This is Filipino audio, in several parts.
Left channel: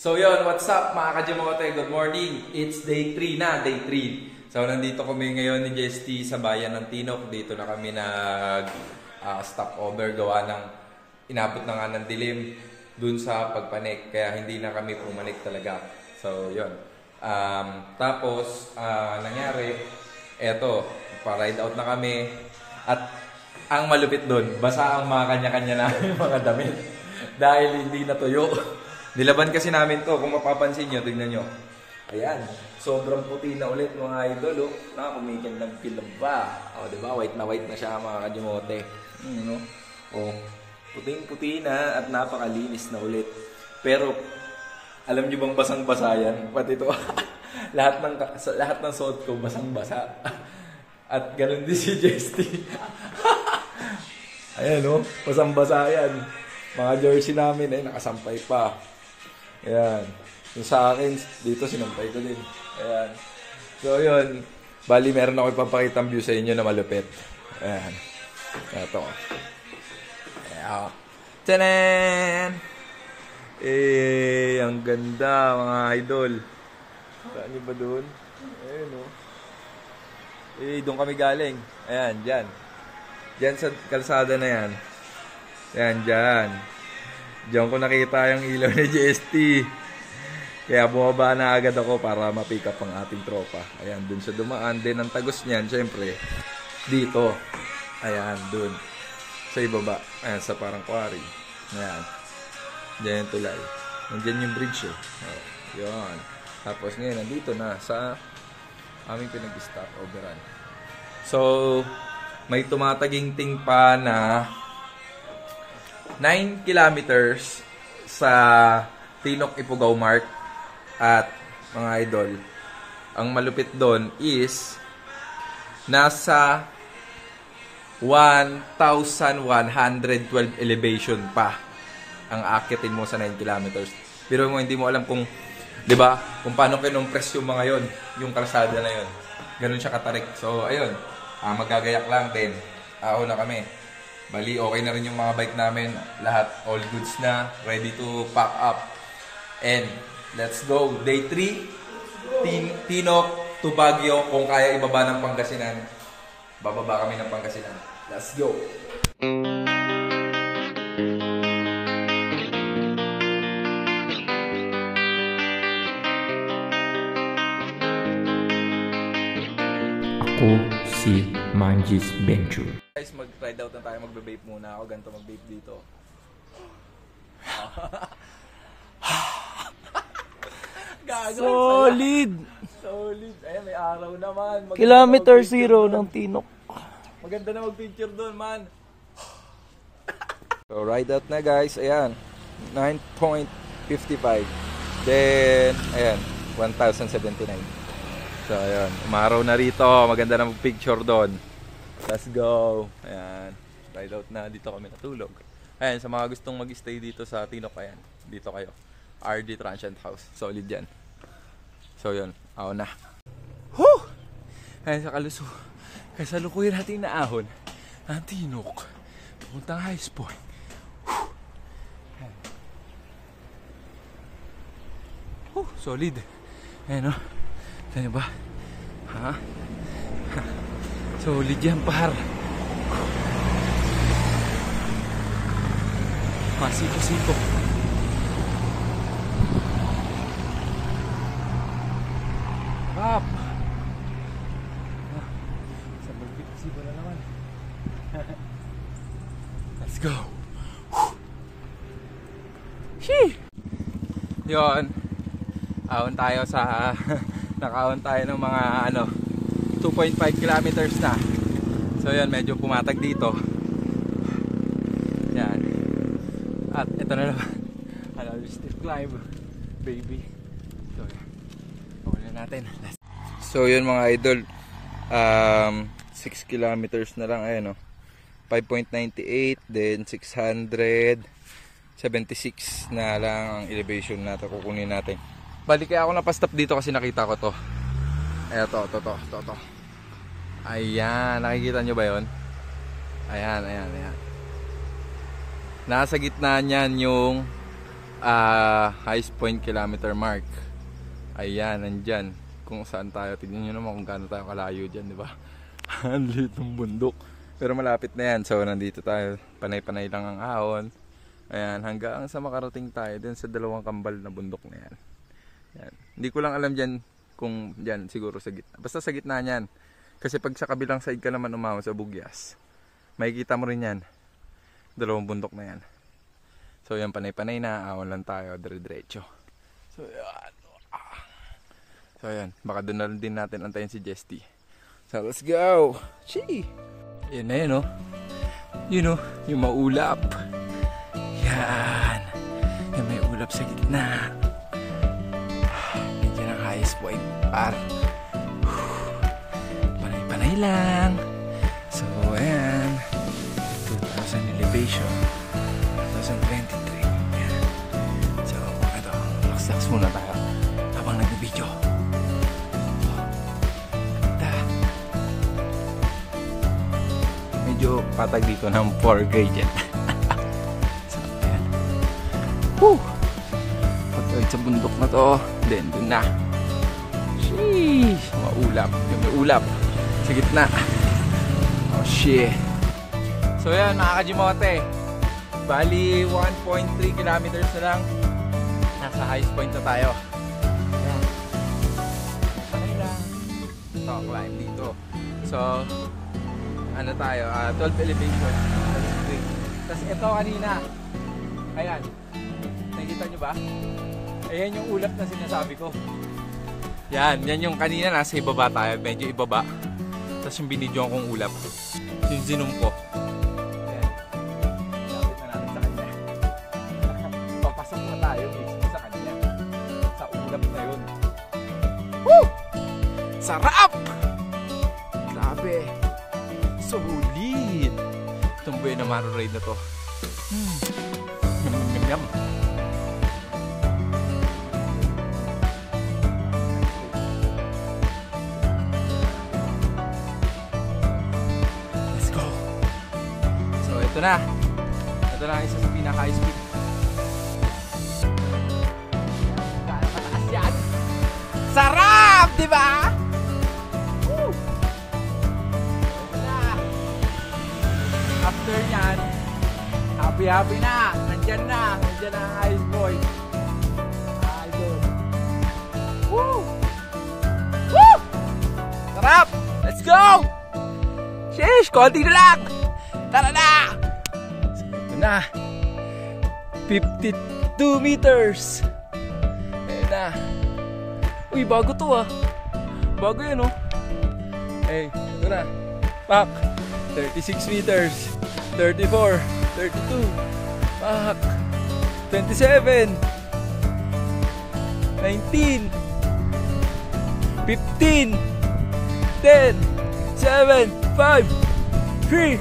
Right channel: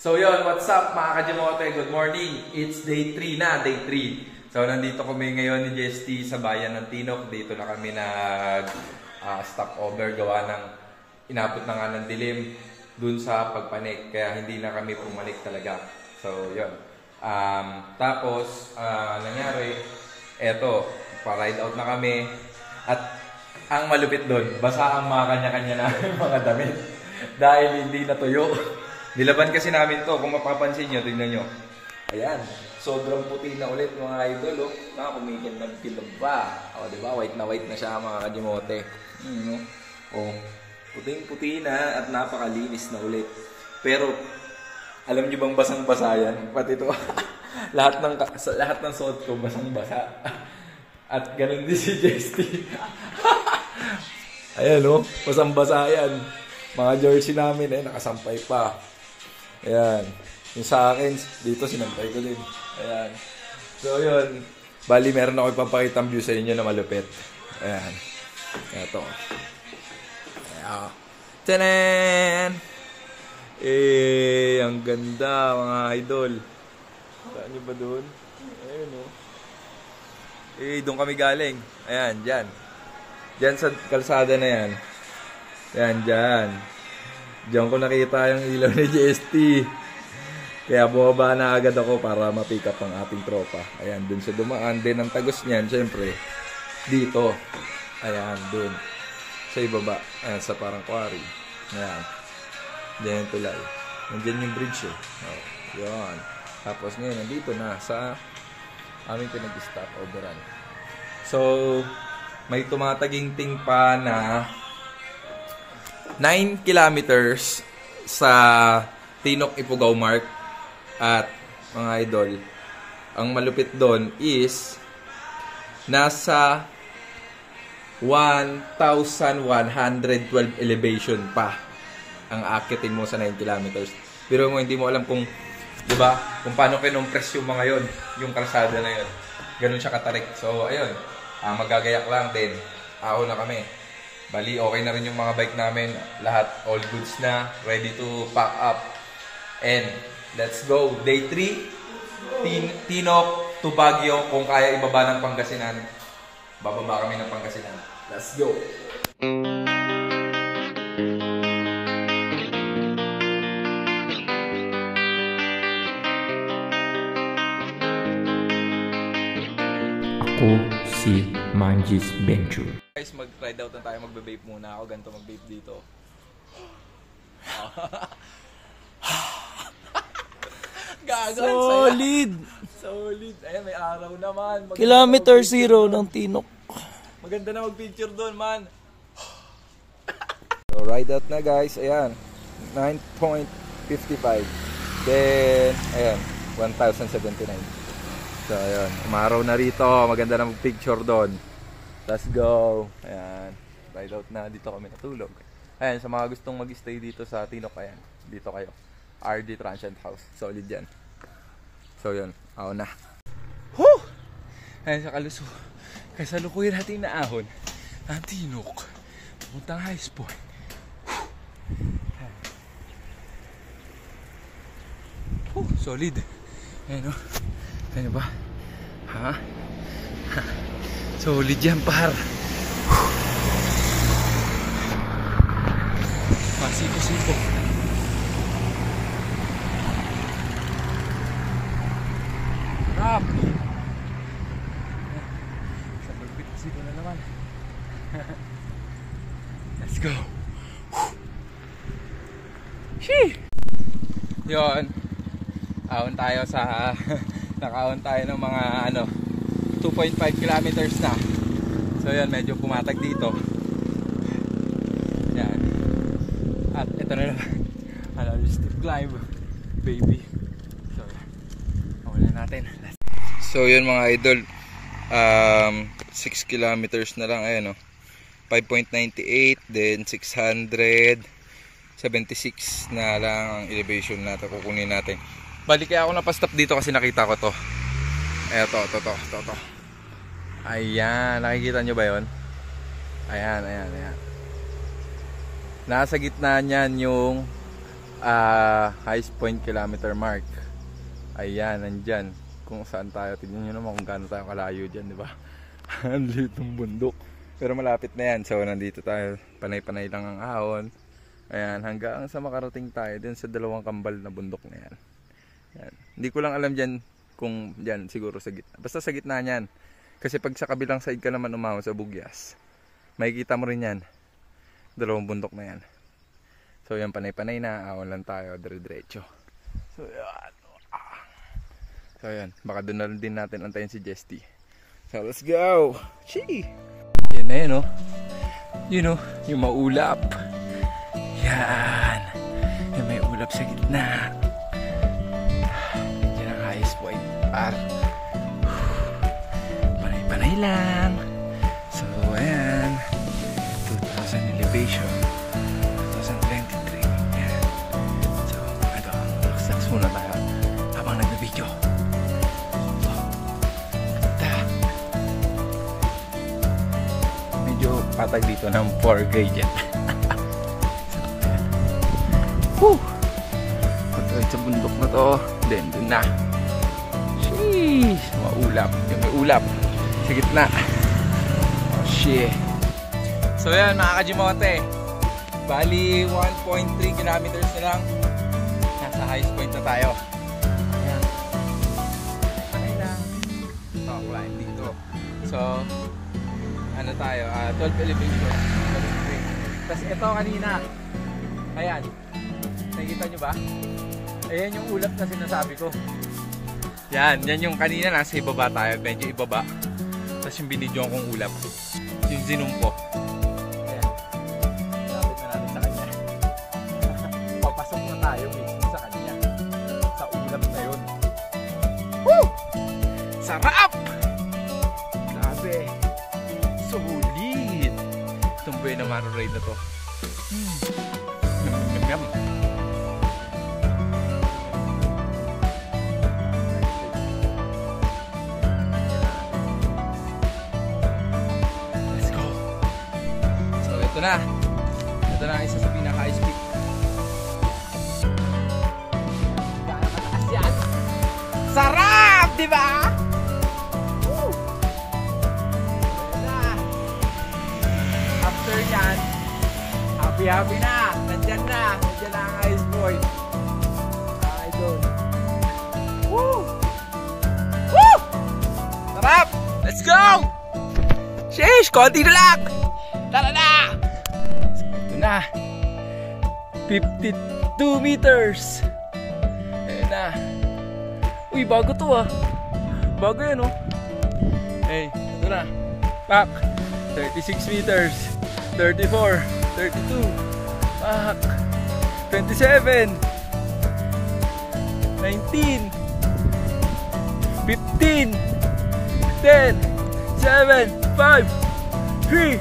So yun, what's up mga Kajimote? Good morning. It's day 3 na, day 3. So nandito kami ngayon ni JST sa bayan ng Tinok. Dito na kami nag stopover gawa ng inabot na nga ng dilim dun sa pagpanik. Kaya hindi na kami pumanik talaga. So yun. Tapos nangyari, eto, pa-ride out na kami. At ang malupit dun, basa ang mga kanya-kanya na mga damit. Dahil hindi natuyo. Nilaban kasi namin to, kung mapapansin nyo, tignan nyo. Ayan, sobrang puti na ulit mga idol, oh. Nakakumikin ng film pa. O, diba? White na siya mga Kajimote. Oh, puting-puti na at napakalinis na ulit. Pero, alam nyo bang basang-basa yan? Pati ito, lahat ng suot ko basang-basa. At ganun din si JST. Ayan, oh, basang-basa yan. Mga jersey namin, nakasampay pa. Ayan. Yung sa akin, dito sinampay ko din. Ayan. So, yun. Bali, meron ako ipapakita ang view sa inyo na malupit. Ayan. Ito. Ayan. Tanan! Ang ganda, mga idol. Saan nyo ba doon? Ayan, oh. Doon kami galing. Ayan, dyan. Dyan sa kalsada na yan. Ayan, dyan. Diyan ko nakita yung ilaw ni JST. Kaya bumaba na agad ako para ma-pick up ang ating tropa. Ayan, dun sa dumaan. Din ang tagos niyan, syempre, dito. Ayan, dun. Sa ibaba. Ayan, sa parang quarry. Ayan. Diyan yung tulay. Nandiyan yung bridge eh. Oh, yun. Tapos ngayon, nandito na sa aming pinag-stop overrun. So, may tumataginting pa na 9 kilometers sa Tinok Ifugao Mark. At mga idol, ang malupit doon is nasa 1,112 elevation pa ang akitin mo sa 9 kilometers. Pero mo hindi mo alam kung, 'di ba, kung paano kinompress yung mga yon, yung kalsada na yon. Ganun siya katarik. So ayun, magagayak lang din. Ako na kami. Bali, okay na rin yung mga bike namin. Lahat, all goods na. Ready to pack up. And, let's go. Day 3. Tinok to Baguio. Kung kaya ibaba ng Pangasinan, bababa kami ng Pangasinan. Let's go. Ako si Manjis Venture. Guys, mag-ride out na tayo. Magbe-vape muna ako. Ganito mag-vape dito. Gago. Solid! Solid. Ayan, may araw naman. Kilometer 0 ng Tinok. Maganda na mag-picture doon, man. So, ride out na guys. Ayan. 9.55. Then, ayan. 1,079. So, ayan. Umaraw na rito. Maganda na mag-picture doon. Let's go. Ayan. Ride out na. Dito kami natulog. Ayan. Sa mga gustong mag-stay dito sa Tinok, ayan. Dito kayo. RD Transient House. Solid yan. So, yun. Ako na. Woo! Ayan sa kaluso. Kasalukuyan natin na ahon. Ang Tinok. Puntang High Point. Solid. Ayan o. Ayan ba? Ha? Solid yan, par. Masiko-siko. Rap! Sa balbit-siko na naman. Let's go. Shee! Yun. Ahon tayo sa nakaahon tayo ng mga 2.5 kilometers na. So yan, medyo pumatag dito. Yan. At ito na naman. Still climb, baby. So yan. Awalan natin. So yun mga idol, 6 kilometers na lang. Ayan o, 5.98, then 676 na lang ang elevation natin. Kukunin natin. Balik kaya ako napastop dito kasi nakita ko to. Eto, to. Ayan, nakikita nyo ba yun? Ayan. Nasa gitna niyan yung highest point kilometer mark. Ayan, nandyan. Kung saan tayo, tignan nyo naman kung gaano tayo kalayo dyan, di ba? Ang liit ng bundok. Pero malapit na yan. So, nandito tayo. Panay-panay lang ang ahon. Ayan, hanggang sa makarating tayo dun sa dalawang kambal na bundok na yan. Yan. Hindi ko lang alam dyan kung dyan, siguro sa gitna. Basta sa gitna niyan. Kasi pag sa kabilang side ka naman umahon sa Bugyas, makikita mo rin yan. Dalawang bundok na yan. So, yan, panay-panay na. Ahon lang tayo, dire-diretso. So, yan. So ayan, baka doon na din natin antayin si Jesty. So let's go! Chee! Yan na yun, oh. Yun, oh, yung maulap. Yan. Yung may ulap sa gitna. Yan ang highest point. Panay-panay lang. So ayan, 2,000 elevation. 2023. Yan. So ito, relax muna tayo habang nag-video. Medyo patag dito ng 4 gauge. So, ayan. Woo! Pagkagad sa bundok na to, then dun na. Sheesh! Maulap. Yung may ulap sa gitna. Oh shit. So yan mga kajimote. Bali 1.3 kilometers na lang. Nasa highest point na tayo. Ayan. Panay lang. Talk line dito. So ano tayo, 12 elevation. Tapos ito kanina, ayan, nakikita nyo ba? Ayan yung ulap na sinasabi ko. Yan yung kanina, nasa ibaba tayo, medyo ibaba. Tapos yung binidyo kong ulap, yung zoom ko. Ayan, lapit na natin sa kanya. Papasok na tayo mismo sa kanya, sa ulap na yun. Woo! Sarap! Sabi! Solid! Itong Buena Maro ride na to. Yum yum yum. Let's go! So ito na. Ito na isa sa pinaka-high speed. Sarap! Diba? After yan, happy na, nandyan na ang ice boy. Idol. Woo! Woo! Sarap! Let's go! Sheesh! Konti na lang! Tara na! Ito na. 52 meters. Ayan na. Uy, bago to ah. Bago yan oh. Hey, ito na. Pak! 36 meters. 34, 32, pak, 27, 19, 15, 10, 7, 5, 3,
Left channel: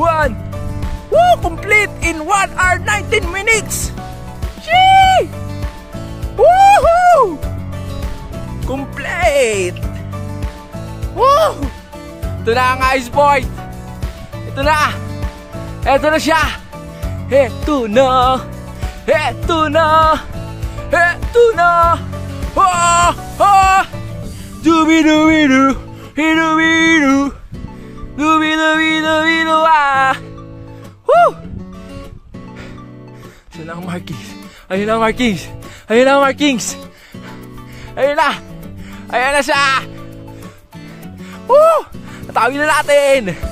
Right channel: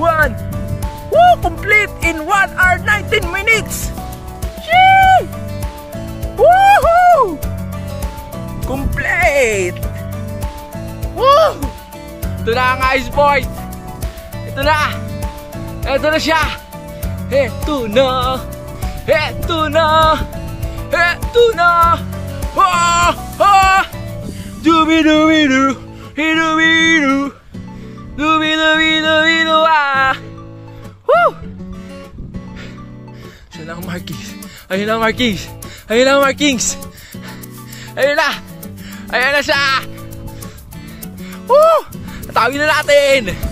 1. Woo! Complete in 1 hour 19 minutes! Sheesh! Woohoo! Complete! Woo! Ito na ang ice boy! Ito na! Ito na siya! Ito na! Ito na! Ito na! Oh! Oh! Dubi-dubi-du! Hidu-bidu! Dubi-dubi-du-bidu! Ah! Woo! Siya na ang markings! Ayun na ang markings! Ayun na ang markings! Ayun na! Ayun na siya! Woo! Natawin na natin!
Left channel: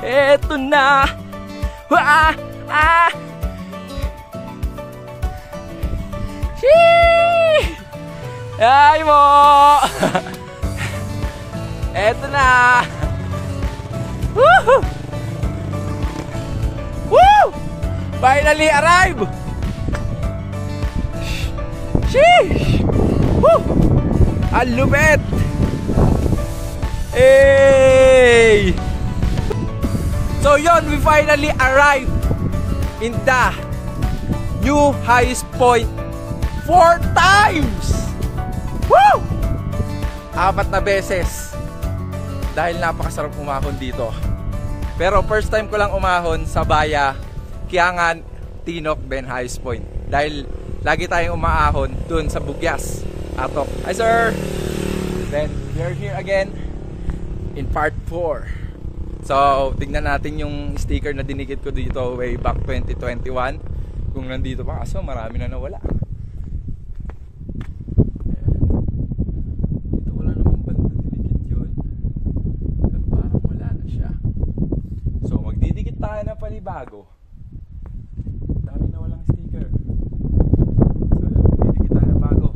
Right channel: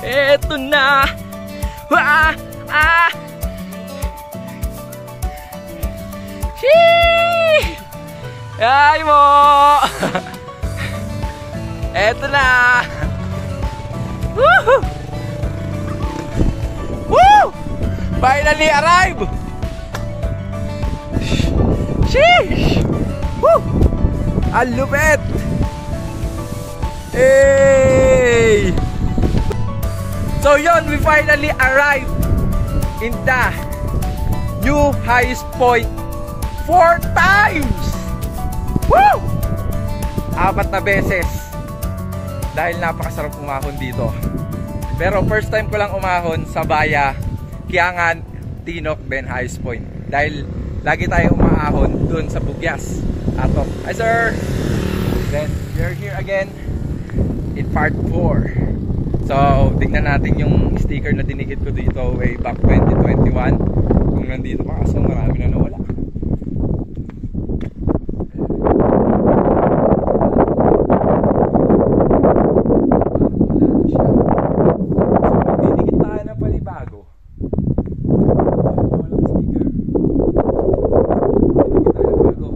Eto na. Ah, ah. Ay mo. Eto na. Woo! Woo! Finally arrived. Sheesh! Woo! Ang lupit! Hey! So yun, we finally arrived in the new highest point 4 times! Woo! 4 na beses. dahil napakasarap umahon dito. Pero first time ko lang umahon sa Baya, Kiangan, Tinok, Benhais Point. Dahil lagi tayong umaahon doon sa Bugyas. Atok. Hi sir! Then, we're here again in part 4. So, tingnan natin yung sticker na dinikit ko dito way back 2021. Kung nandito pa, kaso marami na nawala. Bago. Walang sticker. Bago.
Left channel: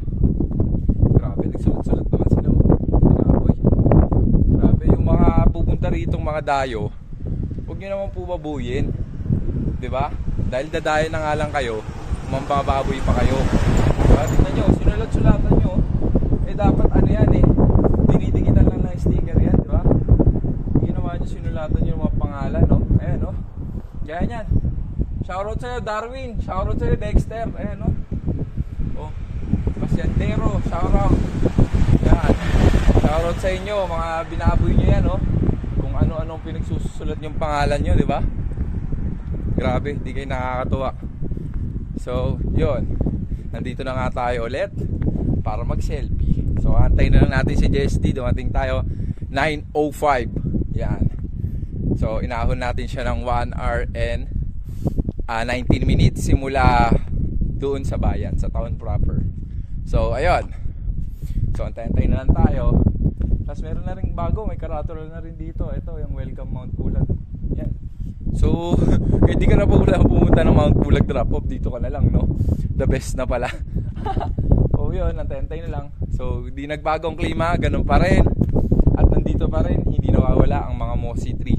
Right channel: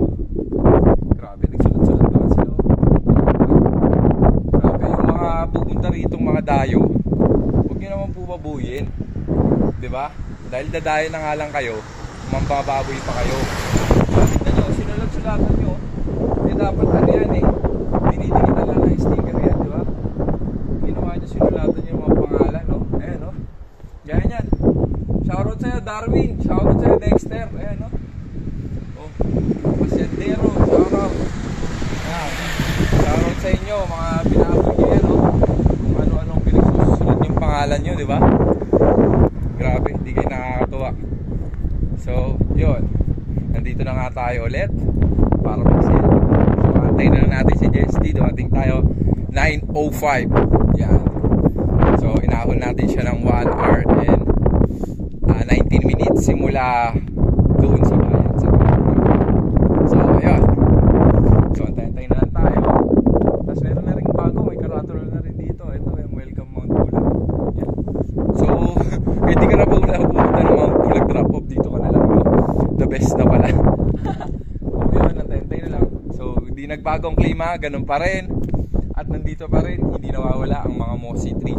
Grabe, nagsulat-sulat naman sila. Grabe, yung mga pupunta rito, mga dayo, huwag nyo naman pumabuyin. Diba? Dahil dadayo na nga lang kayo, mambababoy pa kayo. Diba? Tignan nyo, sinulat-sulatan nyo. Eh dapat ano yan eh, dinidikitan lang ng sticker yan, diba? Ginawa nyo, sinulatan nyo yung mga pangalan, no? Ayan, no? Yan yan. Shoutout sa'yo Darwin. Shoutout sa'yo Dexter. Ayan no. Oh. Pasyandero. Shoutout. Yan. Shoutout sa inyo. Mga binaboy nyo yan no. Kung ano-anong pinagsusulat yung pangalan nyo. Diba? Grabe. Di kayo nakakatuwa. So yun. Nandito na nga tayo ulit para mag-selfie. So antayin na lang natin si JST. Dumating tayo 9:05. Yan. So inahon natin siya ng 1 hour and 19 minutes simula doon sa bayan sa Toronto. So ayun. So antay-antay na lang tayo. Tapos meron na rin bago, may karatula na rin dito. Ito yung Welcome Mount Pulag. Yan. So hindi ka na pumunta ng Mount Pulag drop off, dito ka na lang no? The best na pala. So yun, antay-antay na lang. So hindi nagbagong klima, ganun pa rin. At nandito pa rin, hindi nawawala ang mga mossy tree.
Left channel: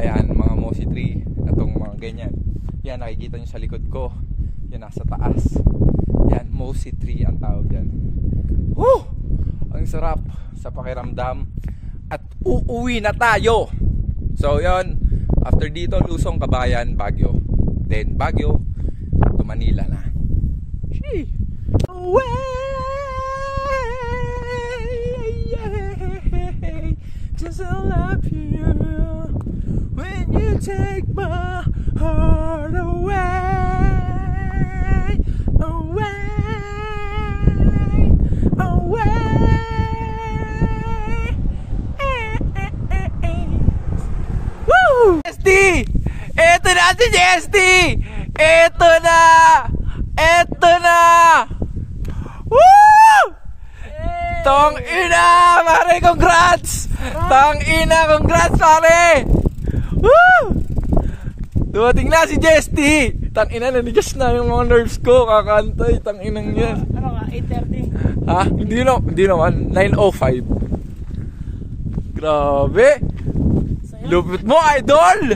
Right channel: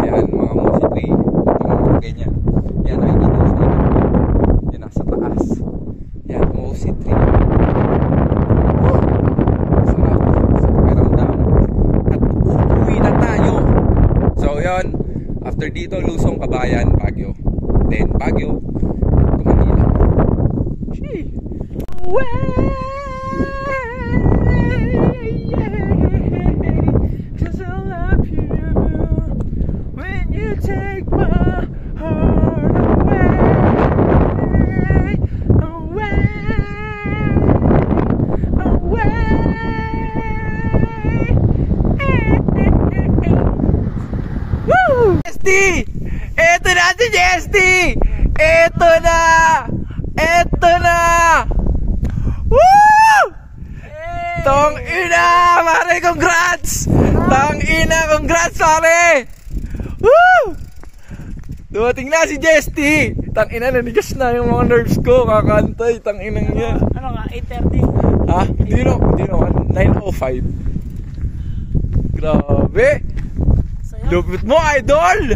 Ayan, mga mossy tree. Itong mga ganyan. Yan, nakikita nyo sa likod ko. Yan, nasa taas. Yan, mossy tree. Woo! Ang sarap sa pakiramdam. At uuwi na tayo. So, yun. After dito, Lusong, Kabayan, Baguio. Then, Baguio to Manila. Shee! Away! Cause I love you when you take my heart away, away, away. Woo! JST! Eto na si JST! Eto na! Eto na! Woo! Tong ina, pare, congrats! Tong ina, congrats, pare! Woo! Dumating na si JST. Tang ina, nanigas na yung mga nerves ko, kakantay, tang inang yan. Ano nga, 8:30? Ha? Hindi naman, 9:05. Grabe! Lupit mo, idol!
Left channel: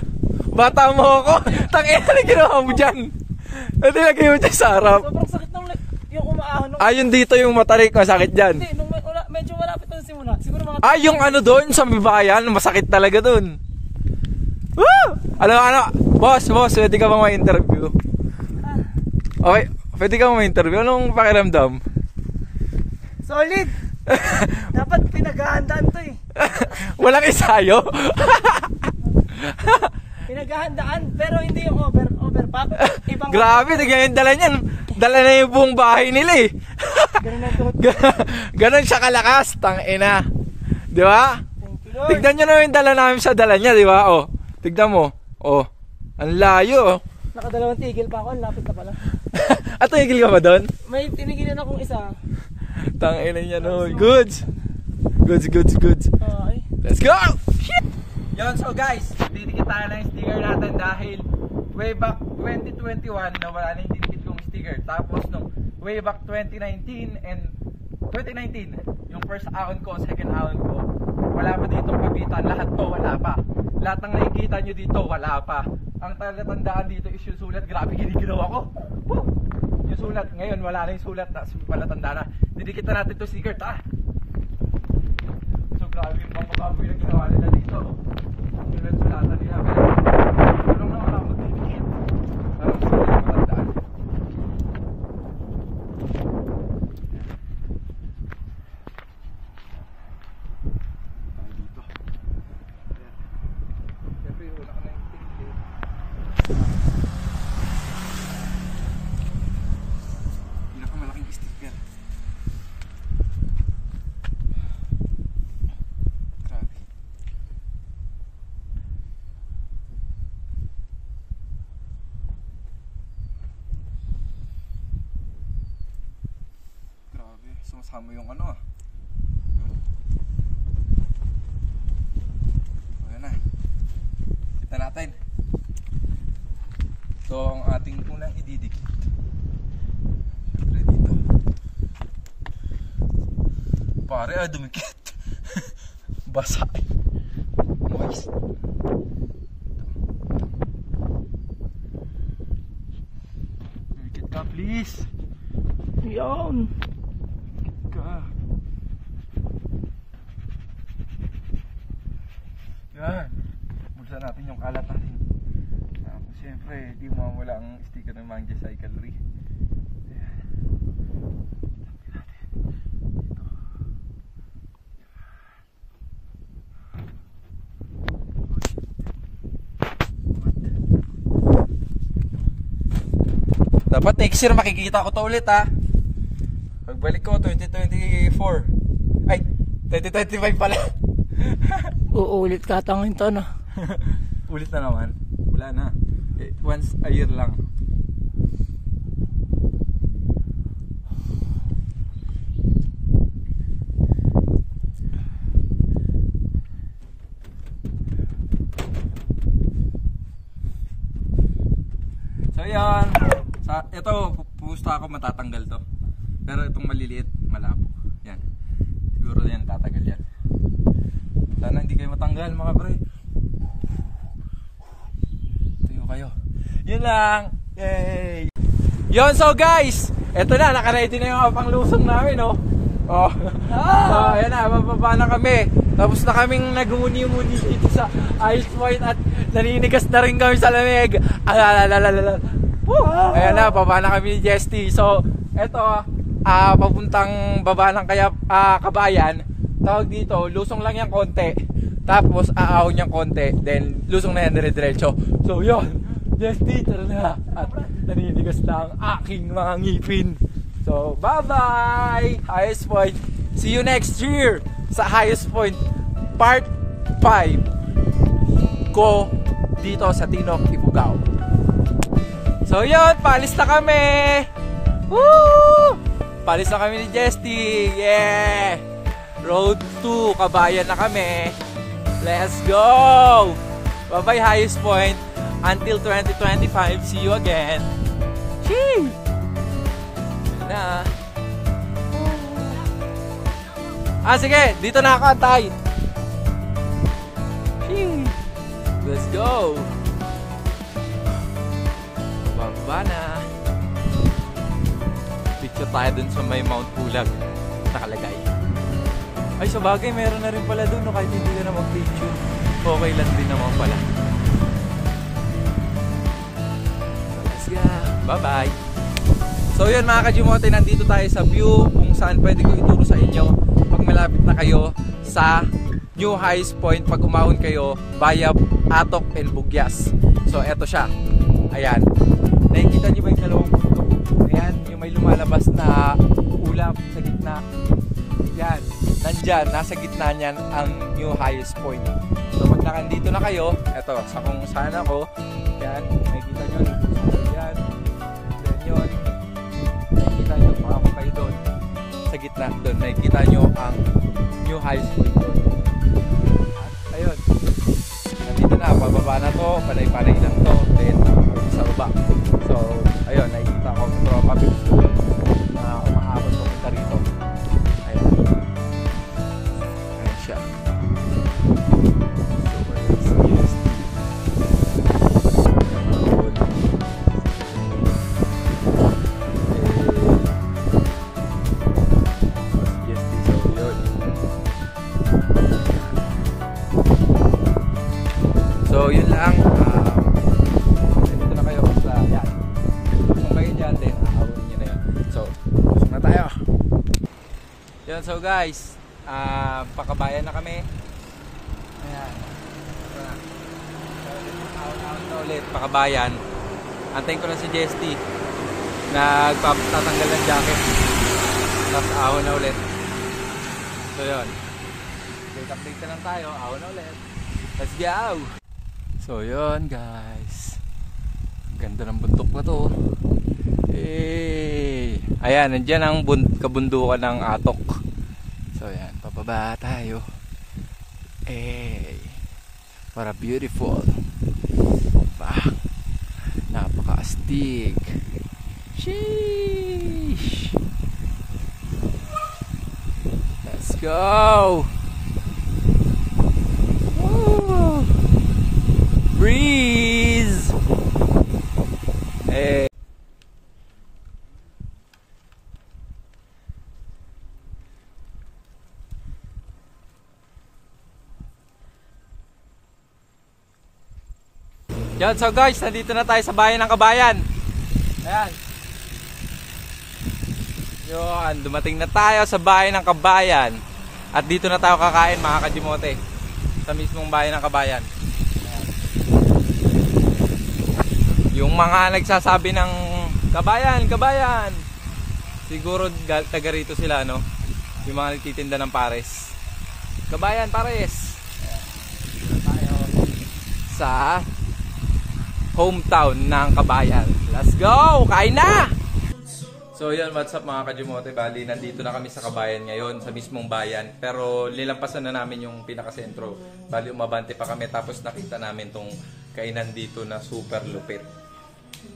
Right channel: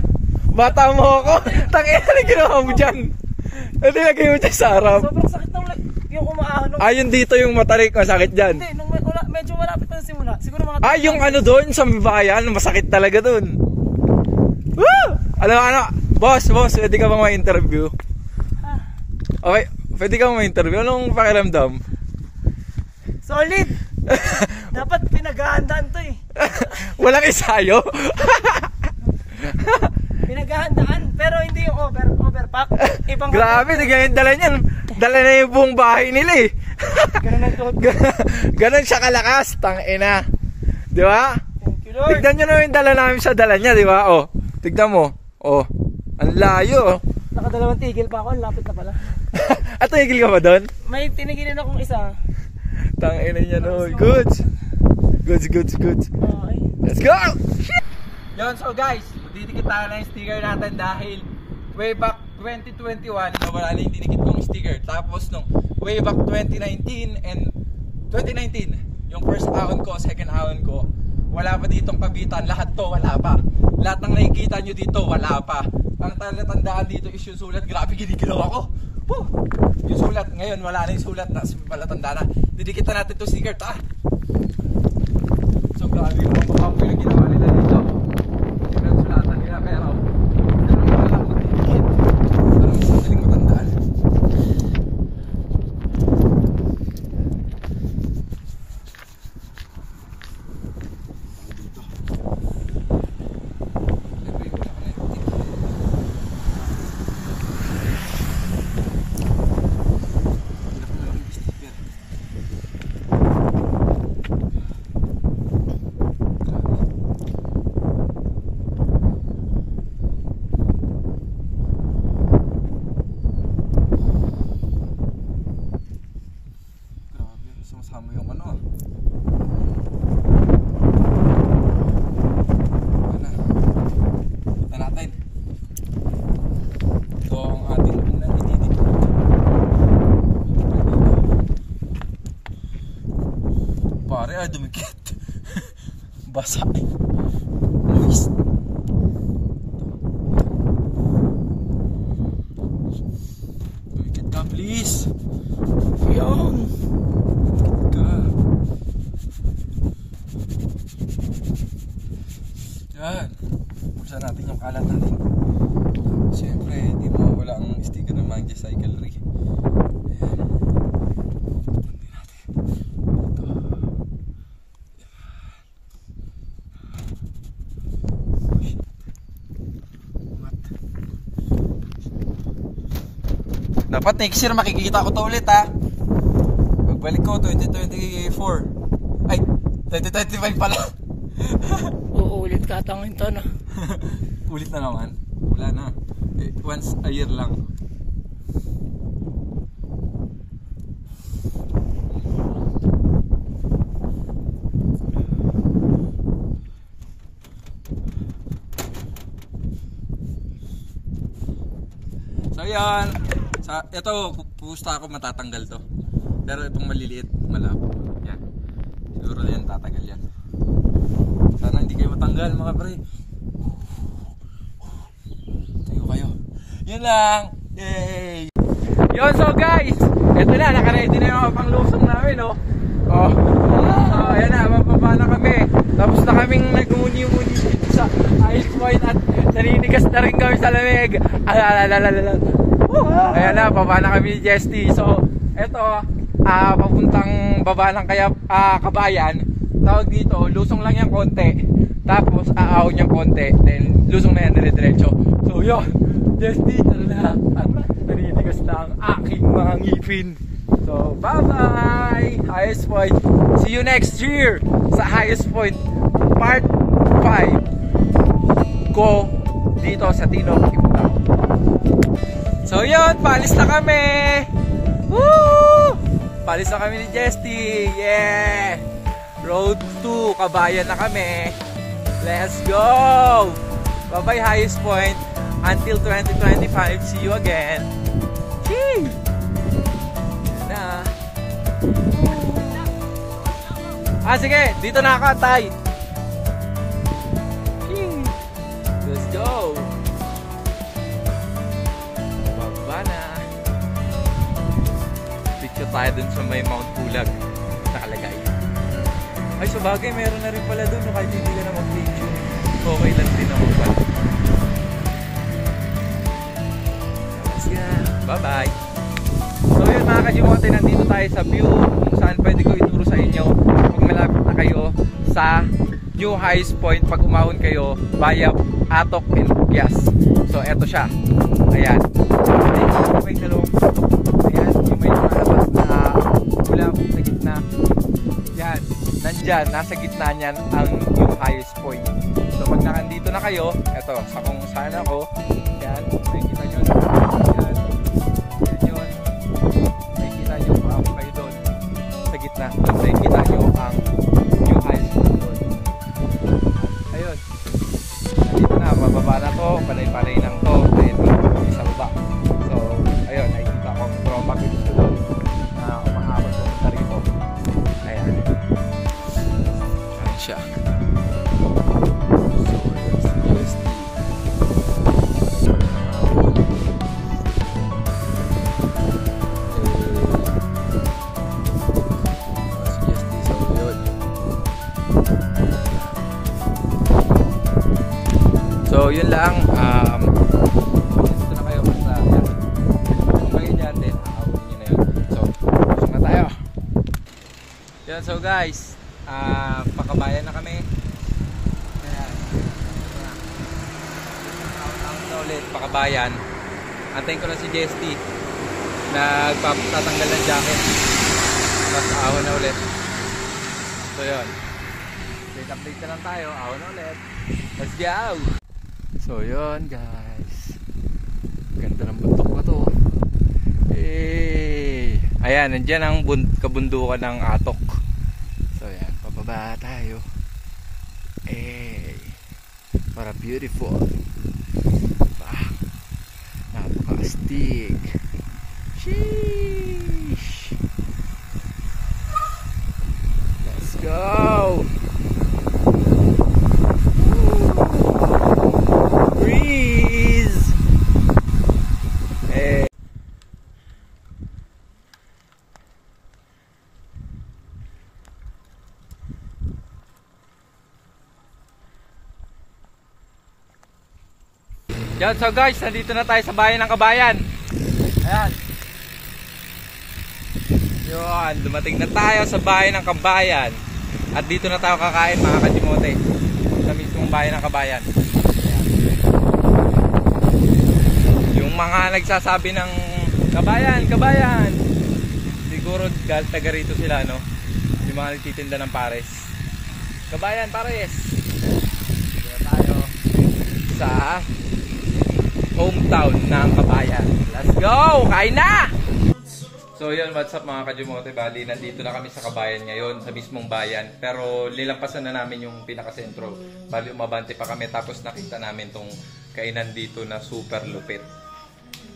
Bata mo ako! Tang ina, na ginawa mo dyan! Ito lagay mo dyan sa harap. Sobrang sakit ng yung umaahon. Ayun dito yung matarik, masakit dyan. Hindi, nung medyo malapit na simula. Siguro mga... Yung ano doon sa bayan, masakit talaga doon. Woo! Ano, boss, pwede ka bang ma-interview? Okay, pwede ka bang ma-interview? Anong pakiramdam? Solid! Dapat pinaghahandaan to eh. Walang isayo? Pinaghahandaan, pero hindi yung overpack. Ibang Grabe, tignan yung dala niyan. Dala na yung buong bahay nila eh. Ganon siya kalakas, tangina. Di ba? Tignan nyo na yung dala namin sa dala niya, di ba? Oh, tignan mo. Oh, ang layo. Nakadalawang tigil pa ako, lapit na pala. At tigil ka ba doon? May tinigilan akong isa. Tangina niya no. Goods. Okay. Let's go! Shit! Yon, so guys, didikit tayo na yung sticker natin dahil way back 2021 nawala na yung dinikit kong sticker. Tapos nung way back 2019 and 2019, yung first ahon ko, second ahon ko, wala pa ditong kabitan. Lahat to wala pa. Lahat ng nakikita nyo dito wala pa. Ang talatandaan dito is yung sulat. Grabe, giniginaw ako. Woo! Yung sulat, ngayon wala na yung sulat na palatanda na. Didikit na natin to sticker. So grabe yung mga kapoy na ginawa nila dito. Yung sulatan nila. Pero wala magdidikit. Parang gusto nila matandaan. Dito. Pare, dumikit. Basa eh. Moist. Dumikit ka, please. Yan. Dumikit ka. Yan. Pulsan natin yung kalat natin. Siyempre, hindi mawawala ang sticker ng Manji Cyclery. Dapat next year makikita ko to ulit ha. Pagbalik ko 2024. Ay, 2025 pala. Uulit katangin to no. Ulit na naman. Wala na. Once a year lang. So yan. Ito, pusta ako matatanggal to. Pero itong maliliit, malabo. Yan. Siguro yan, tatagal yan. Sana hindi kayo matanggal mga pre. Tayo kayo. Yun lang. Yay! Yun, so guys, eto na, nakaready na yung panglusong namin, no? Oh. So, ayan na, mababa na kami. Tapos na kaming nagmuni-muni sa ice point at naninigas na rin kami sa lamig. Ayan na, baba na kami ni Jesty. So, eto, papuntang baba ng Kabayan. Tawag dito, lusong lang yung konti. Tapos, aahon yung konti. Then, lusong na yan dire-diretso. So, yun. Jesty, tara na. At naninigas na ang aking mga ngipin. So, bye-bye! Highest Point. See you next year sa Highest Point Part 5 ko dito sa Tinok, Ifugao. So, yun. Paalis na kami! Woo! Paalis na kami ni Jesty. Yeah! Road to Kabayan na kami. Let's go! Bye-bye Highest Point. Until 2025. See you again. Chee! Na. Sige, dito na kakatay. Let's go. Bababa na. Picture tayo dun sa may Mount Pulag nakalagay. Ay, sa bagay, meron na rin pala dun, no? Kahit hindi ka na mag-picture, okay lang din naman pala. Let's go. Bye-bye. So yun mga Kajimote, nandito tayo sa view kung saan pwede ko ituro sa inyo pag malapit na kayo sa New Highest Point pag umahon kayo via Atok and Bugyas. So eto siya. Ayan. Nakikita nyo ba yung dalawang puto? Ayan, yung may lumalabas na ulap sa gitna. Yan. Nandyan, nasa gitna niyan ang New Highest Point. So pag nakandito na kayo, eto, sa kung saan ako, yan, nakikita nyo na. Yan. Yan yun. Nakikita nyo, paako kayo doon sa gitna. Doon nakikita nyo ang New Highest Point doon. At ayun, nandito na, bababa na to, panay-panay lang to, then sa baba. So ayun, nakikita ko tropa pins doon na umahabot pumunta rito. Ayun. Ayun siya. So ayun, si Jesty. So yun lang, dito na kayo sa yan. Okay dyan din, aawin nyo na yun. So, busog na tayo. Yun, so guys, pakabayan na kami. Ayan. Ito na. Tapos na ulit, pakabayan. Antayin ko lang si Jesty. Nagpatatanggal ng jacket. Tapos ahon na ulit. So yun. Update na lang tayo, ahon na ulit. Let's go! So yun guys, ganda ng bundok na to. Ayan, nandyan ang kabundukan ng Atok. So yan, pababa tayo. Para beautiful. Napaka-astig. Sheesh. Let's Let's go! Breeze! Eh. Yan, so guys, nandito na tayo sa bayan ng Kabayan. Ayan. Yun, dumating na tayo sa bayan ng Kabayan. At dito na tayo kakain, mga kajimote. Sa mismong bayan ng Kabayan. Yung mga nagsasabi ng Kabayan, Kabayan, siguro taga rito sila, no? Yung mga nagtitinda ng pares. Kabayan, pares. Sa hometown ng Kabayan. Let's go! Kain na! So yun, what's up mga kajimote? Bali, nandito na kami sa Kabayan ngayon, sa mismong bayan. Pero nilampasan na namin yung pinakasentro. Bali, umabante pa kami. Tapos nakita namin tong kainan dito na super lupit.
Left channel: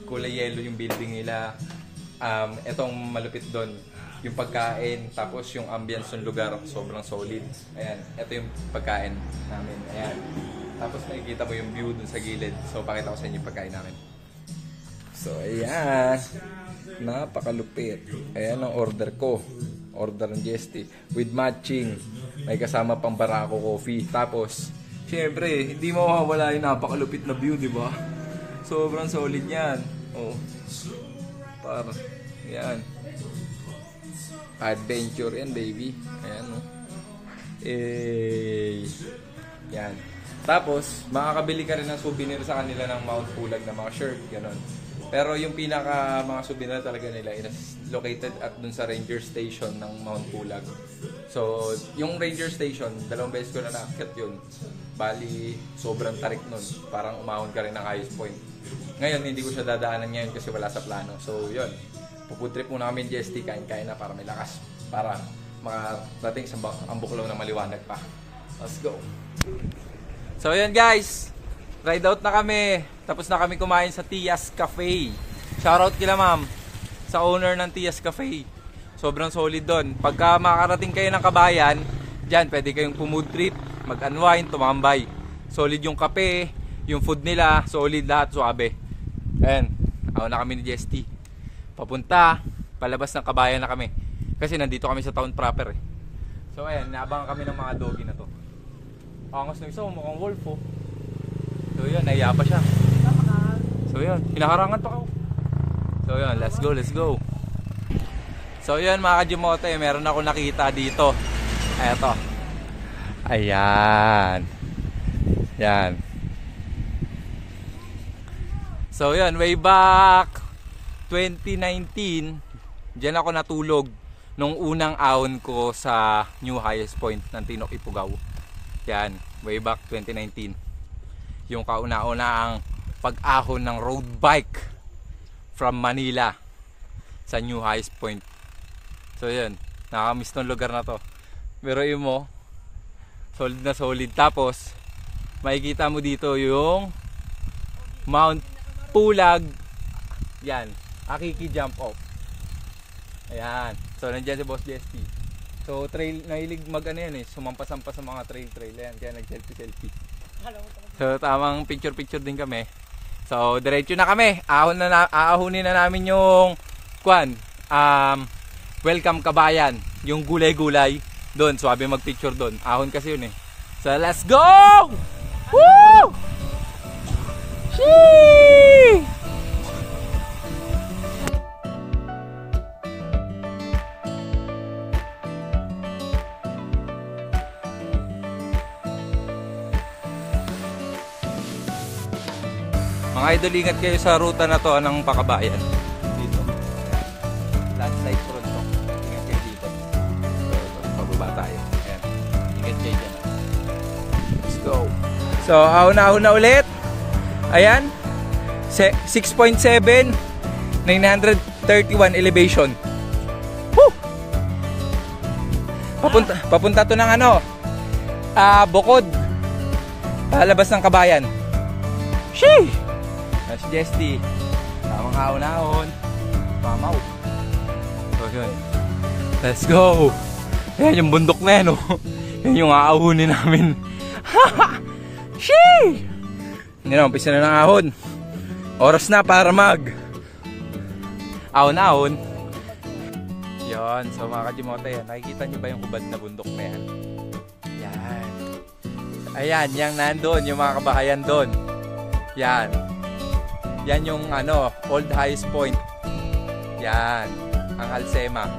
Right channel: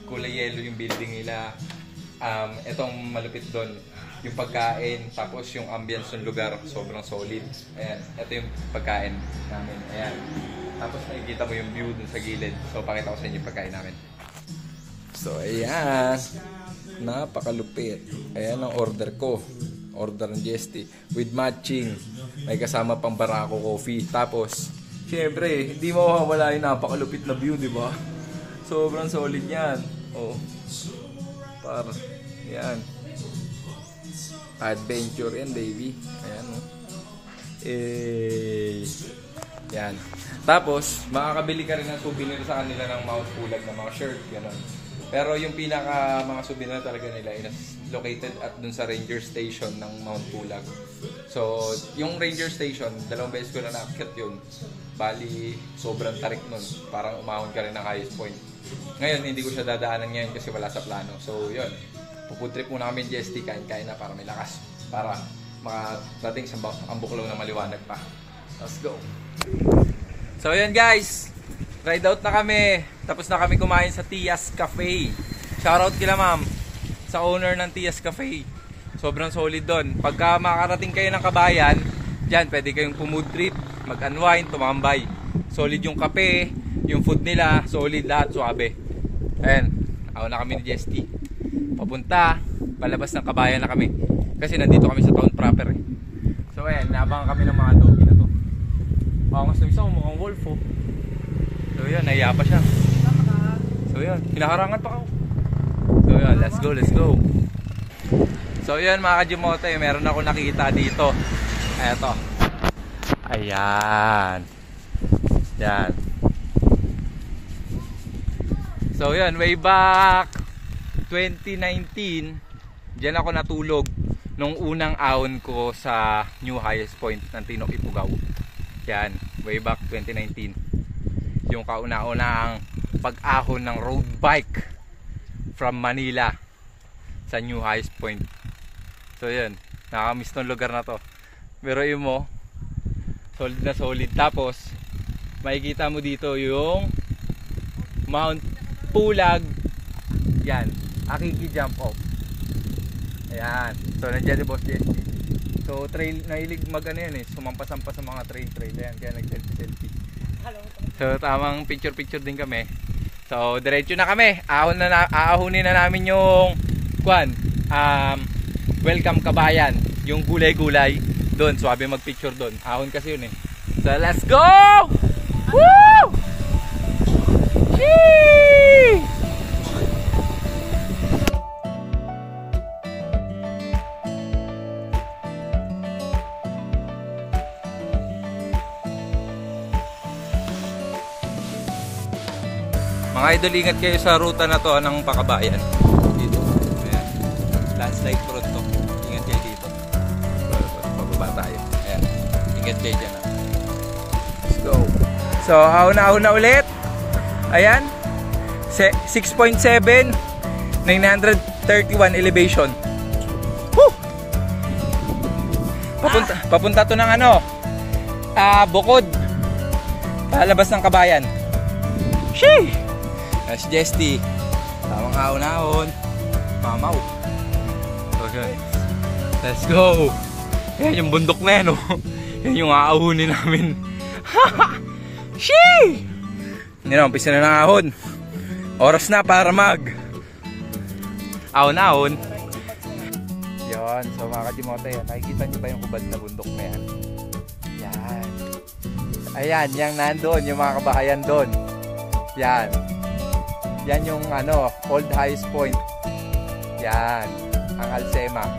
Kulay yellow yung building nila. Etong malupit doon, yung pagkain. Tapos yung ambience ng lugar, sobrang solid. Ayan, ito yung pagkain namin. Ayan. Tapos nakikita mo yung view dun sa gilid. So pakita ko sa inyo yung pagkain namin. So ayan, napakalupit. Ayan ang order ko. Order ng GST with matching. May kasama pang Barako coffee. Tapos syempre hindi mawawala yung napakalupit na view, di ba? Sobrang solid yan. Oh, para yan, adventure yan baby. Ayan, oh. Yan. Tapos, makakabili ka rin ng souvenir sa kanila ng Mount Pulag na mga shirt, gano'n. Pero yung pinaka mga souvenir talaga nila is located at dun sa ranger station ng Mount Pulag. So, yung ranger station, 2 beses ko na naakyat yun. Bali, sobrang tarik nun. Parang umahon ka rin ng highest point. Ngayon, hindi ko siya dadaanan ngayon kasi wala sa plano. So, yun. Puputrip muna kami ng GST, kain-kain na para may lakas. Para makarating sa Ambuklaw na maliwanag pa. Let's go! So yan guys, ride out na kami. Tapos na kami kumain sa Tias Cafe. Shoutout kila ma'am sa owner ng Tias Cafe. Sobrang solid doon. Pagka makarating kayo ng Kabayan, dyan pwede kayong pumood trip, mag-unwind, tumambay. Solid yung kape, yung food nila, solid lahat, suabe. Ayan, ako na kami ni GST. Papunta, palabas ng Kabayan na kami. Kasi nandito kami sa town proper eh. So ayan, naabangan kami ng mga doggy na to. Pangas na isa, mukhang wolf oh. So yun, nahiya pa siya. So yun, pinakarangan pa ako. So yun, let's go, let's go. So yun mga kajimote, meron ako nakita dito. Eto. Ayan. Yan. So yun, way back 2019, dyan ako natulog nung unang ahon ko sa new highest point ng Tinok Ifugao. Yan, way back 2019. Yung kauna-unang pag-ahon ng road bike from Manila sa new highest point. So yun, nakakamiss ng lugar na to. Pero yun mo, solid na solid. Tapos makikita mo dito yung Mount Pulag. Yan, Akiki jump off. Ayan, so nandiyan si Boss Jesty. So trail, nahilig mag-ano yan eh, sumampas-sampas sa mga trail yan, kaya nag-selfie. So tamang picture din kami. So diretso na kami, aahunin na namin yung Welcome Kabayan, yung gulay-gulay doon, swabe mag-picture doon. Ahon kasi yun eh. So let's go! Woo! Sheesh! Mga idol, ingat kayo sa ruta na to ng Pakabayan. Dito. Ayan. Landslide road to. Ingat kayo dito. Pababa tayo. Ayan. Ingat kayo dyan. Let's go. So, ahon na ulit. Ayan. 6.7. 931 elevation. Woo! Papunta to ng ano? Bukod. Palabas ng Kabayan. Sheesh! Si Jesty, tamang ahon-ahon, mamaw. So yun, let's go. Yan yung bundok na yan, oh. Yan yung aahunin namin. Shee! Hindi na, umpisa na ng ahon. Oras na para mag ahon-ahon. Yan, so mga kajimote, nakikita nyo ba yung hubad na bundok na yan? Yan. Ayan, yung nandun, yung mga kabahayan doon. Yan. Yan yung ano, Old Highest Point. Yan. Ang Alsema.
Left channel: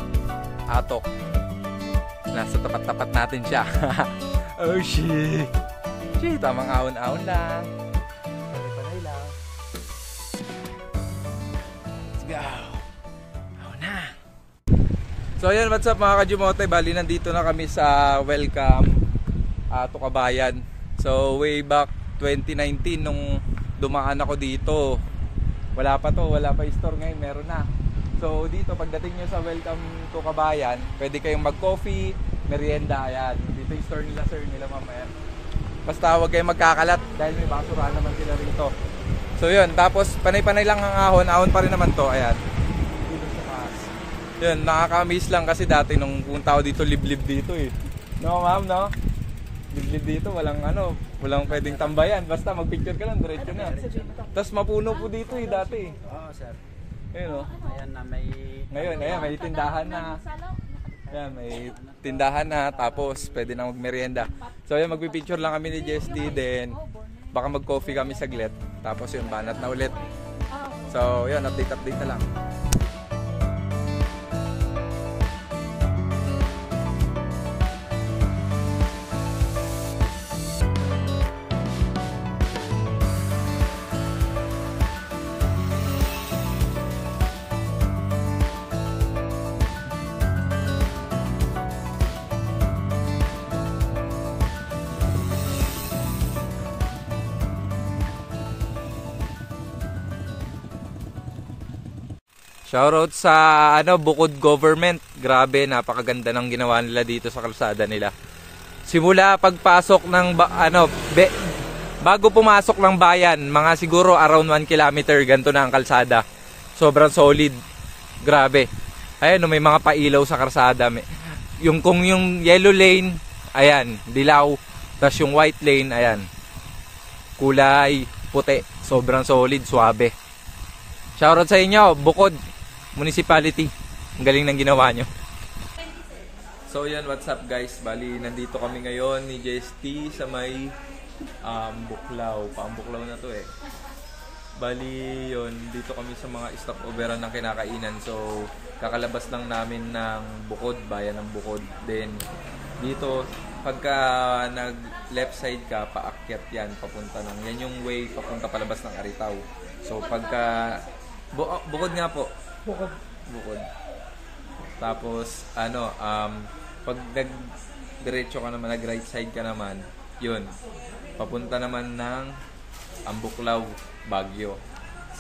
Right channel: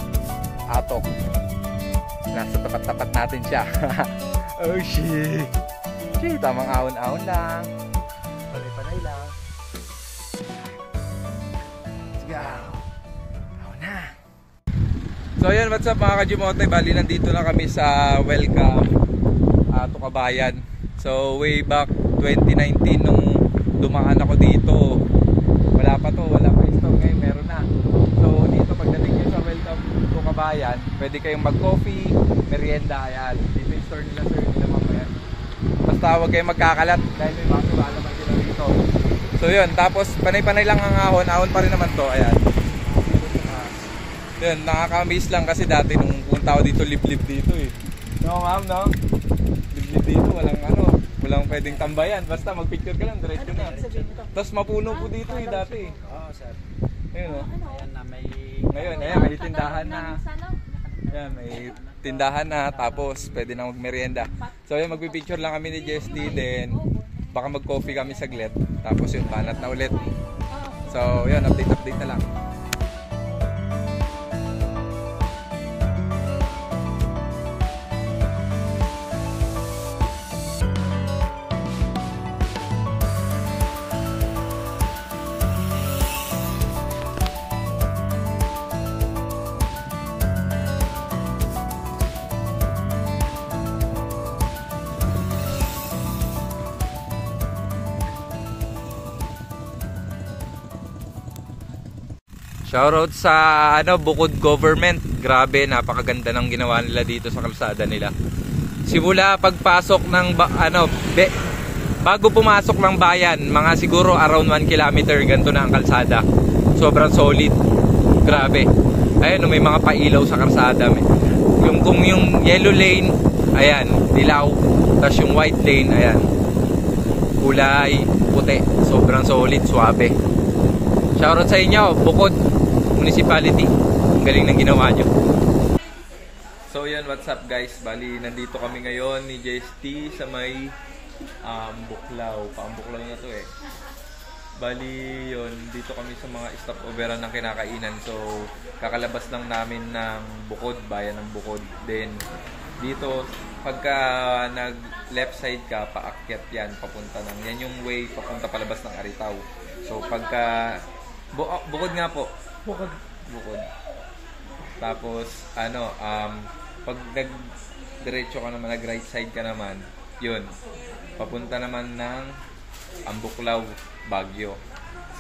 Atok. Nasa tapat-tapat natin siya. Oh shit. Shit, tamang ahon-ahon lang. Panay-panay lang. Let's go. Ahon na. So yun, what's up mga kajimote? Bali, nandito na kami sa welcome to Kabayan. So way back 2019 nung dumaan ako dito, wala pa yung store. Ngayon meron na. So dito pagdating nyo sa welcome to Kabayan, pwede kayong mag coffee, merienda. Ayan, dito yung store nila, sir, nila mamaya. Basta huwag kayong magkakalat dahil may basura naman sila rito. So yun, tapos panay-panay lang ang ahon pa rin naman to. Ayan, dito sa taas. Yun, nakaka-amaze lang kasi dati nung punta ako dito, liblib dito eh. No ma'am, no? Liblib dito, walang pwedeng tambayan. Basta magpicture ka lang, diretso na. Tapos mapuno po dito eh dati. Oo, sir. Ayun, no? Ayan na, may... Ngayon, ayan, may tindahan na. Ayan, may tindahan na. Tapos, pwede na magmerienda. So, ayan, magpipicture lang kami ni Jesty. Then, baka mag-coffee kami saglit. Tapos yun, banat na ulit. So, yun, update na lang. Shoutout sa Bukod Government. Grabe, napakaganda ng ginawa nila dito sa kalsada nila. Simula pagpasok ng bago pumasok ng bayan, mga siguro around 1 kilometer, ganito na ang kalsada. Sobrang solid. Grabe. Ayan, may mga pailaw sa kalsada. Kung yung yellow lane, ayan, dilaw. Tapos yung white lane, ayan, kulay puti. Sobrang solid, suabe. Shoutout sa inyo, Bukod Municipality. Galing ng ginawa nyo. So yun, what's up guys? Bali, nandito kami ngayon ni JST sa may Buklaw. Paambuklaw na to eh. Bali yun, dito kami sa mga stopoveran ng kinakainan. So kakalabas lang namin ng Bukod, bayan ng Bukod. Then dito, pagka nag left side ka, paakyat yan, papunta ng, yan yung way papunta palabas ng Aritaw. So pagka Bukod nga po. Bukod. Tapos pag nag-diretso ka naman, nag-right side ka naman, yun, papunta naman ng Ambuklaw, Baguio.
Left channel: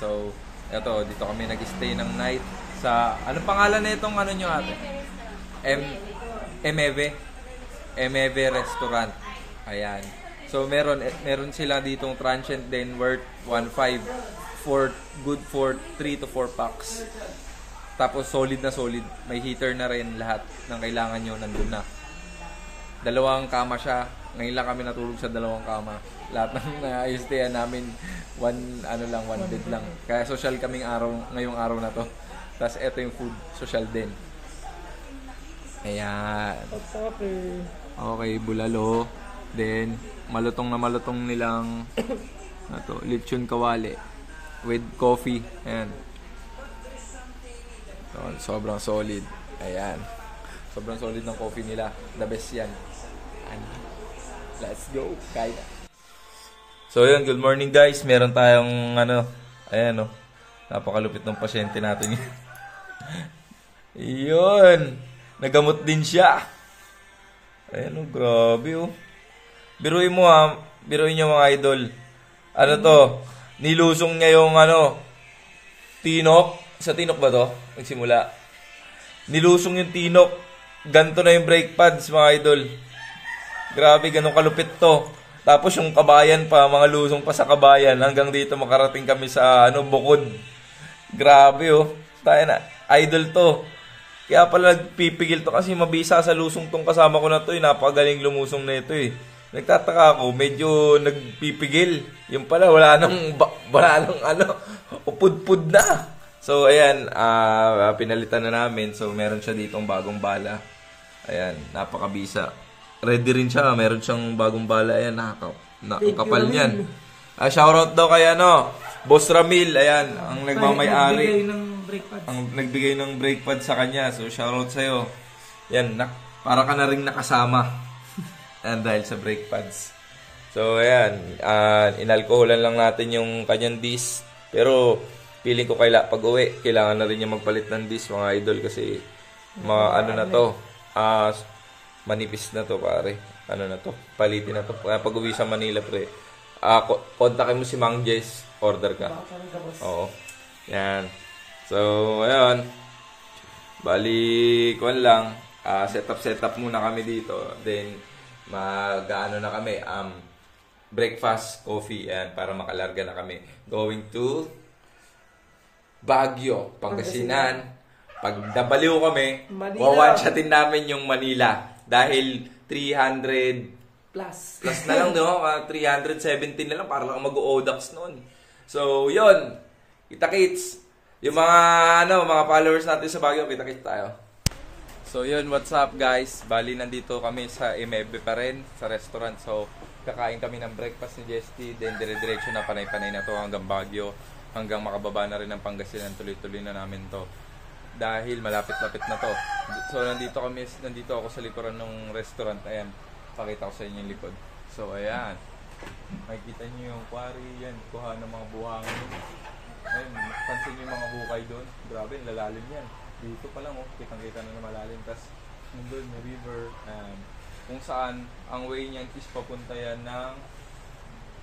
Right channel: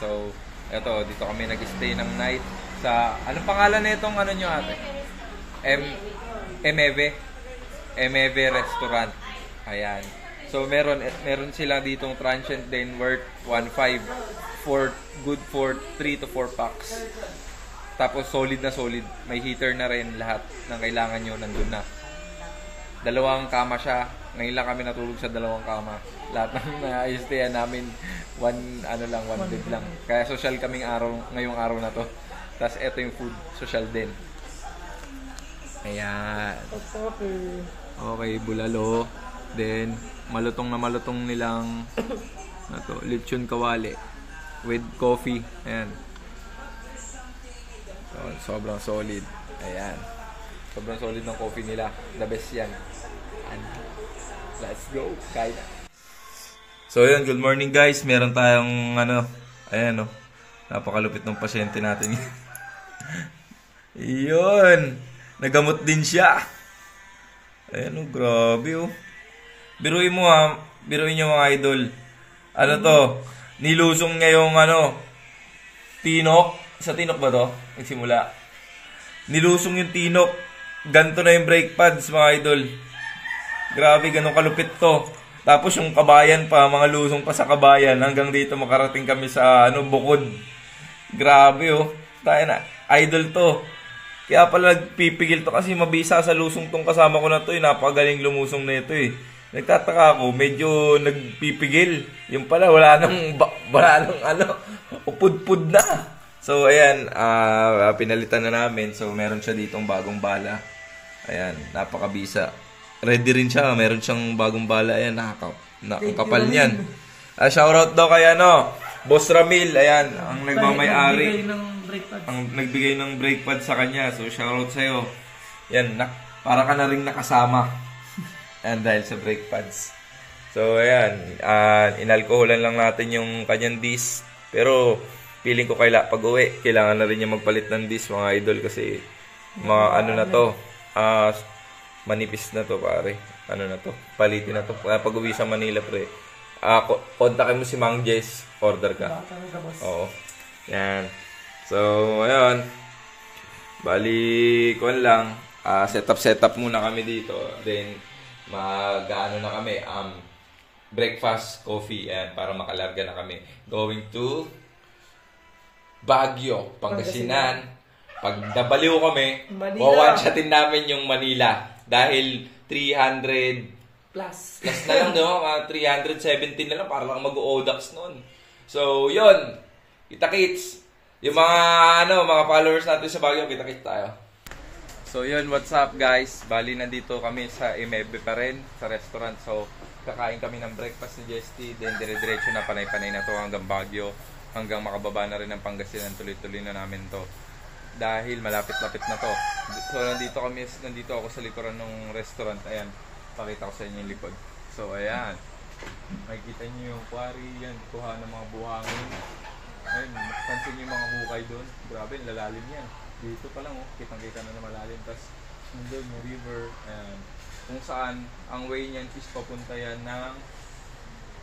So, eto, dito kami nag-stay ng night sa, anong pangalan na itong nyo ate? Emeve Restaurant. Ayan. So, meron sila ditong transient din worth 1.5 good for 3 to 4 packs. Tapos solid na solid. May heater na rin, lahat ng kailangan nyo nandun na. 2 kama siya. Ngayon lang kami natulog sa 2 kama. Lahat ng na-stayan namin one bed lang. Kaya social kaming ngayong araw na to. Tapos eto yung food, social din. Ayan. Okay, bulalo. Then malutong nilang lechon kawali with coffee. Ayan. So, sobrang solid. Ayan. Sobrang solid ng coffee nila. The best yan. And let's go. Kaya. So, yun. Good morning guys. Meron tayong ayan napakalupit ng pasyente natin. Yun. Nagamot din siya. Ayan grabe Biruin mo biruin nyo mga idol. Nilusong niya yung tinok. Sa tinok ba to? Nagsimula. Nilusong yung tinok. Ganto na yung brake pads mga idol. Grabe, ganun kalupit to. Tapos yung kabayan pa, mga lusong pa sa kabayan. Hanggang dito makarating kami sa Bukod. Grabe Tayo na. Idol to. Kaya pala nagpipigil to kasi mabisa sa lusong tong kasama ko na to. Napakagaling lumusong na ito eh. Nagtataka ako, medyo nagpipigil. Yung pala, wala nang upud-pud na. So, ayan, pinalitan na namin. So, meron siya ditong bagong bala. Ayan, napakabisa. Ready rin siya, meron siyang bagong bala. Ayan, nakakapal niyan. Shoutout daw kay Boss Ramil, ayan, ang nagmamay-ari. Ang nagbigay ng brake pad sa kanya. So, shoutout sa'yo. Yan, para ka na rin nakasama. Dahil sa brake pads. So, ayan. Inalkoholan lang natin yung kanyang disc. Pero, feeling ko pag uwi, kailangan na rin niya magpalit ng disc, mga idol. Kasi, mga na to. Manipis na to, pare. Na to. Palitin na to. Pag uwi sa Manila, pre. Kontakin mo si Mang Jess. Order ka. Oo. Yan. So, ayun. Bali, lang. Setup muna kami dito. Then, mag-ano na kami. Breakfast, coffee, and para makalarga na kami. Going to Baguio, Pangasinan. Pag nabaliw kami, wawan-shotin namin yung Manila. Dahil 300 plus na lang, no? 317 na lang para lang mag-o-odax noon. So, yun. Kita-kits. Yung mga followers natin sa Baguio, kita-kits tayo. So, yun. What's up, guys? Bali, nandito kami sa Imebe pa rin, sa restaurant. So, kakain kami ng breakfast ni Jesty. Then, dire-diretso na panay-panay na to hanggang Baguio. Hanggang makababa na rin ng Pangasinan. Tuloy-tuloy na namin to. Dahil malapit-lapit na to. So, nandito ako sa likuran ng restaurant. Ayan. Pakita ko sa inyo yung likod. So, ayan. Makikita nyo yung quarry. Yan. Kuha ng mga buhangin. Ayun. Pansin nyo yung mga hukay doon. Grabe, lalalim yan. Dito pa lang, kitang-kita na malalim. Tapos, nandun yung river. Ayan. Kung saan, ang way niyan is papunta yan ng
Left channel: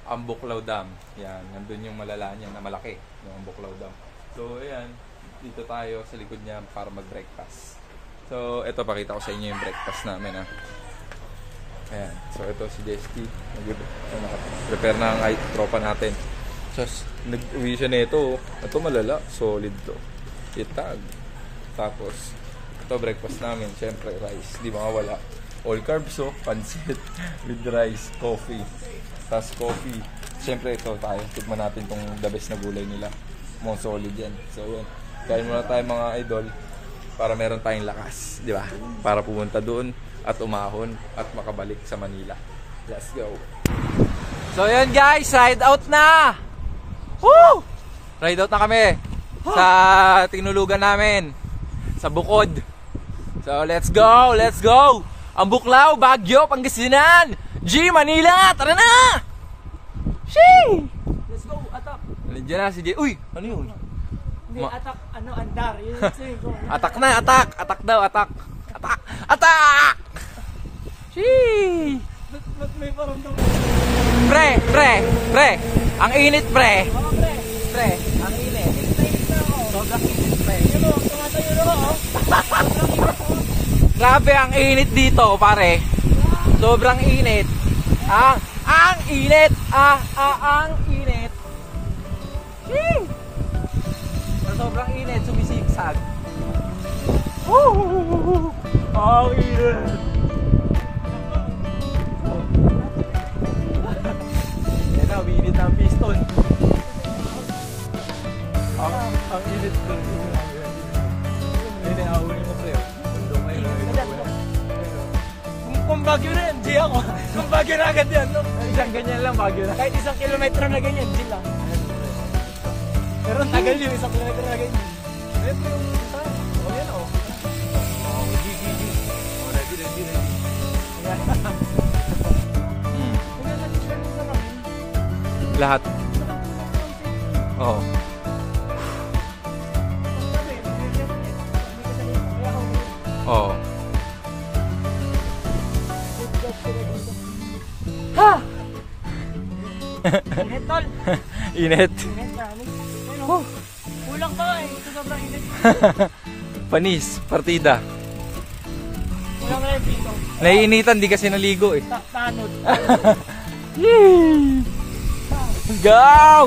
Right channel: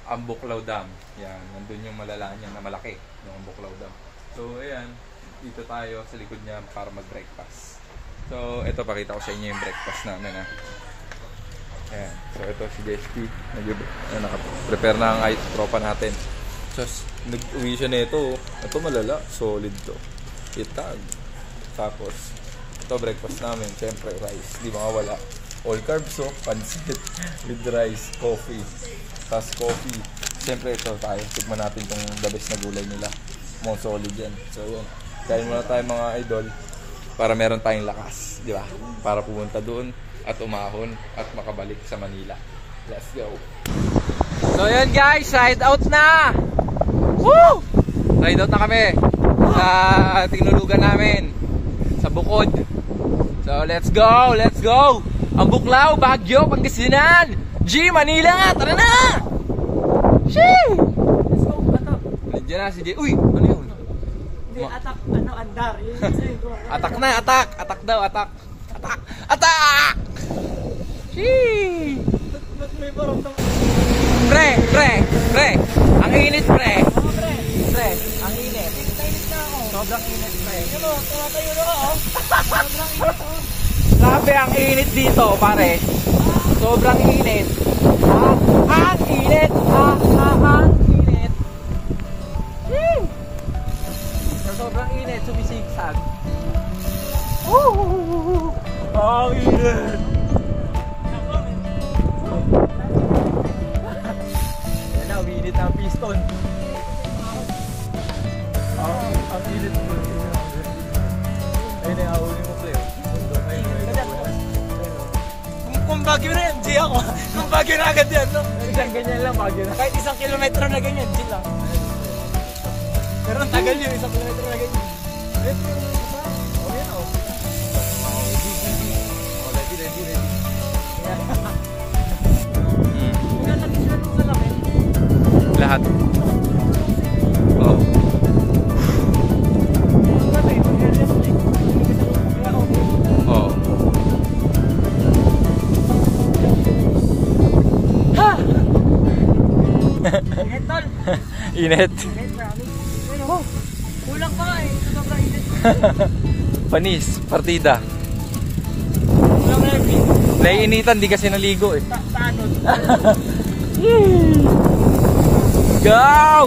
Ambuklaw Dam. Yan. Nandun yung malalaan yan na malaki. Yung Ambuklaw Dam. So, ayan. Dito tayo sa likod niya para mag-breakfast. So, ito, pakita ko sa inyo yung breakfast namin, ha. Ayan. So, ito si Jesty. Nag-prepare na ang tropa natin. So, nag-uwi siya na ito. Ito malala. Solid to. Itag. Tapos, ito breakfast namin. Siyempre, rice. Di mawawala. All carbs, pancit. With rice. Coffee. Tapos coffee. Siyempre, ito tayo. Tignan natin itong the best na gulay nila. Mga solid yan. So, yun. Kain muna tayo mga idol. Para meron tayong lakas. Di ba? Para pumunta doon. At umahon. At makabalik sa Manila. Let's go. So, yun guys. Ride out na! Woo! Ride out na kami sa tinulugan namin sa Bukod. So let's go, let's go. Ambuklaw, Baguio, Pangasinan, G, Manila, tara na! Shee! Let's go, atak. Nandiyan na si G. Uy, ano yun? Hindi, atak, andar. Yun sabi ko. Atak na, atak. Atak daw, atak. Atak! Atak! Shee! May parang Pre. Ang init, pre. Pre, ang init. Sobrang init, pre. Ano, tumatayo na ba, Grabe ang init dito, pare. Sobrang init. Ang init. Ang init. Sa sobrang init, sumisigsag. Ang init. Yan na, uminit ang piston. Ang init po. Ayun na, ahulin mo, pre. Kung Baguio na yan, G ako. Kung Baguio na agad yan, no? Isang ganyan lang, Baguio na. Kahit 1 kilometro na ganyan, G lang. Pero ang tagal yun, 1 kilometro na ganyan. Ayun po yung isa. O, yan o. O, ready. Lahat. Oo. Oo. Init, tol. Init. Init, promise. Ano? Kulang pa eh. Ito sobrang init. Panis, partida. Naiinitan, di kasi naligo eh. Tanod. Go!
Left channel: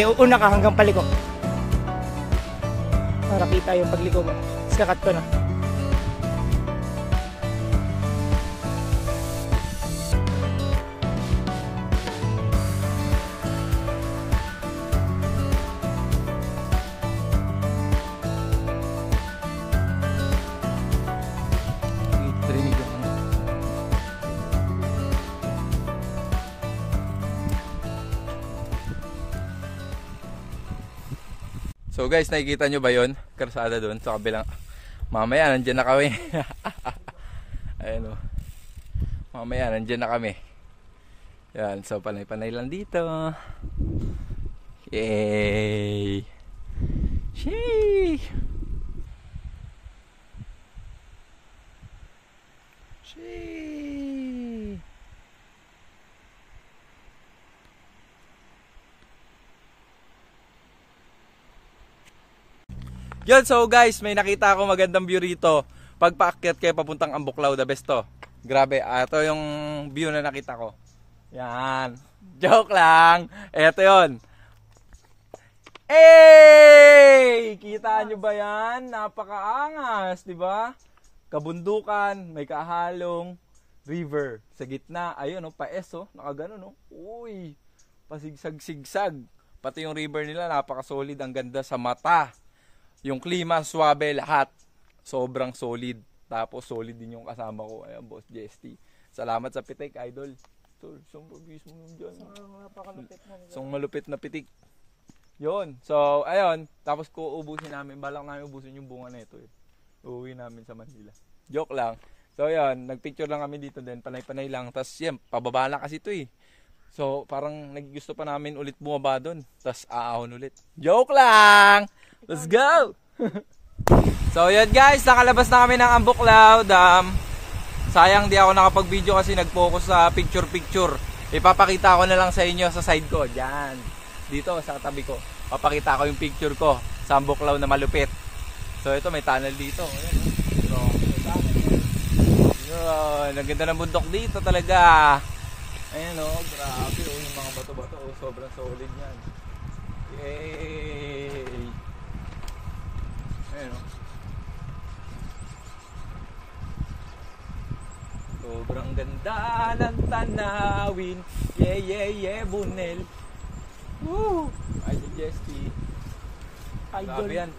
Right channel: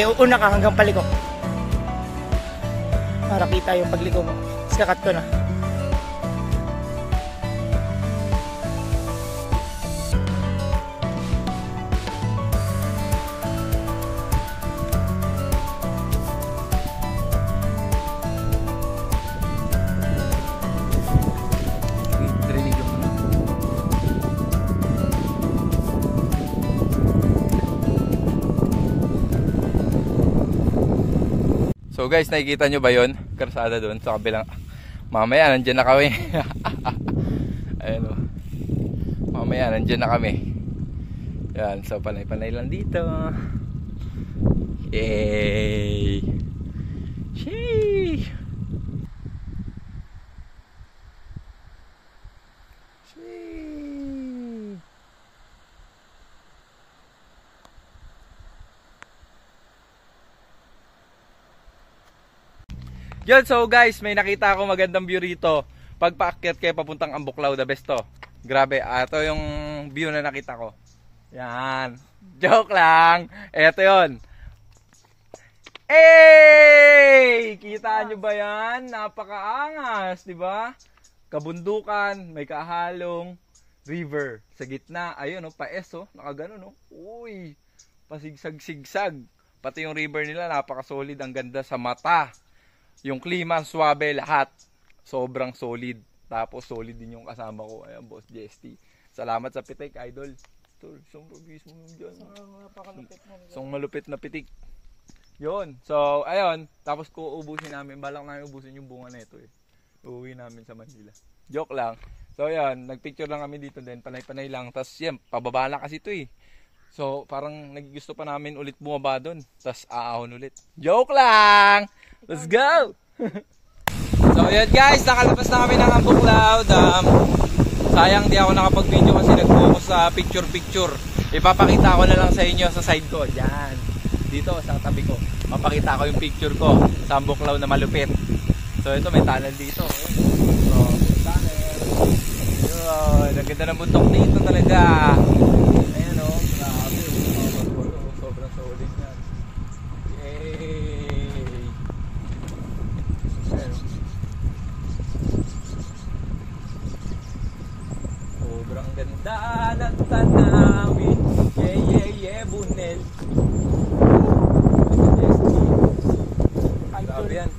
Hindi, una ka hanggang paliko. Para kita yung pagliko mo. Tapos kakat ko na. So guys, nakikita nyo ba yun? Karsada doon sa kabilang. Mamaya nandyan na kami. Ayun o. Mamaya nandyan na kami. Yan, so panay-panay lang dito. Yay! Sheesh! Sheesh! Yun, so guys, may nakita ako magandang view rito. Pag paakyat kayo papuntang Ambuklaw, the best to. Grabe, ito yung view na nakita ko. Yan. Joke lang. Ito yun. Hey! Kita nyo ba yan? Napakaangas, di ba? Kabundukan, may kahalong river. Sa gitna, ayun, oh, paes, oh. Nakaganon, oh. Uy, pasigsag-sigsag. Pati yung river nila, napaka-solid. Ang ganda sa mata. Yung klima, swabe, lahat. Sobrang solid. Tapos solid din yung kasama ko. Ayan, Boss JST. Salamat sa pitik, idol. Tol, isang pagis mo nun dyan. Isang malupit na pitik. Yun. So, ayun. Tapos ko ubusin namin. Balak namin ubusin yung bunga na ito eh. Uuwi namin sa Manila. Joke lang. So, ayun. Nagpicture lang kami dito din. Panay-panay lang. Tapos, yan. Pababa lang kasi ito eh. So, parang naggusto pa namin ulit bumaba doon. Tapos, aahon ulit. Joke lang! Let's go! So, yun guys. Nakalabas na kami ng Ambuklaw. Sayang di ako nakapag-video kasi nag-focus sa picture-picture. Ipapakita ko na lang sa inyo sa side ko. Diyan. Dito, sa tabi ko. Mapakita ko yung picture ko sa Ambuklaw na malupit. So, ito may tunnel dito. Yun. Ang ganda ng bundok dito talaga. Ayan o. Grabe. Sobrang solid yan. Yay! Ayan o. Sobrang ganda ng tanawin. Yeah, Bunel. Grabe yan.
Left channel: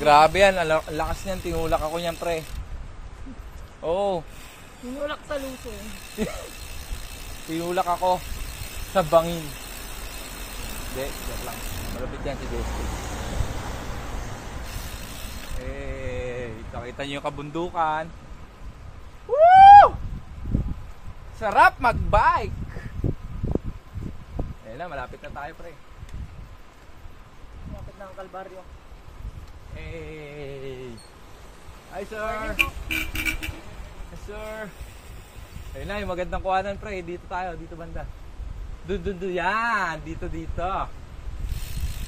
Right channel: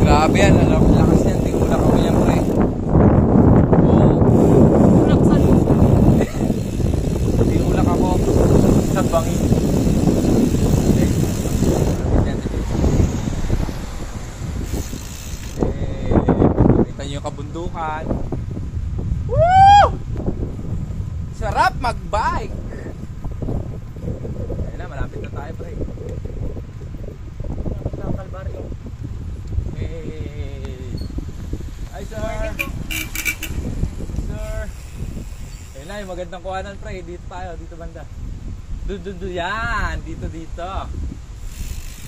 Grabe yan. Lakas yan. Tinulak ako yan, pre. Oh. Tinulak ako sa bangin. Nakita nyo yung kabundukan. Woo! Sarap mag-bike. Ayun na, malapit na tayo, pre. Malapit na ang Kalbaryo. Hey! Hi, sir! Hi, sir! Ayun na, yung magandang kuhanan, pre. Dito tayo, dito banda. Yan! Dito.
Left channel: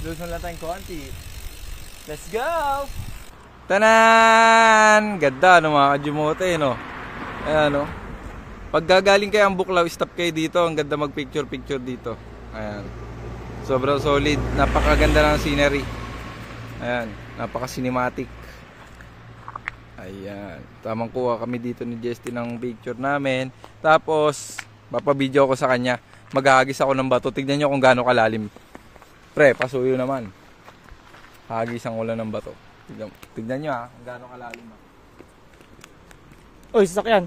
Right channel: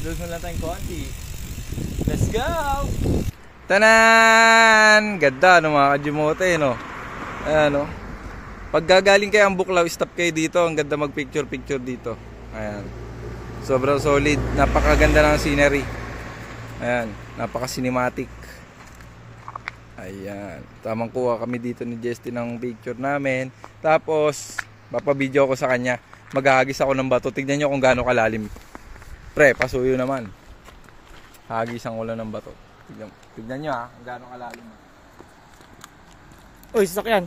Doon lang tayong konti. Let's go! Tanan! Ganda, no, mga kajimote, no? Ayan, no? Pag gagaling kayo Ambuklaw, stop kayo dito. Ang ganda mag-picture-picture dito. Ayan. Sobrang solid. Napakaganda ng scenery. Ayan. Napaka-cinematic. Ayan. Tamang kuha kami dito ni Justin ng picture namin. Tapos, papabideo ko sa kanya. Maghahagis ako ng bato. Tignan nyo kung gaano kalalim. Pre, pasuyo naman. Hagisan ko lang ng bato. Tignan nyo ha, kung gaano kalalim ha. Uy, sasakyan.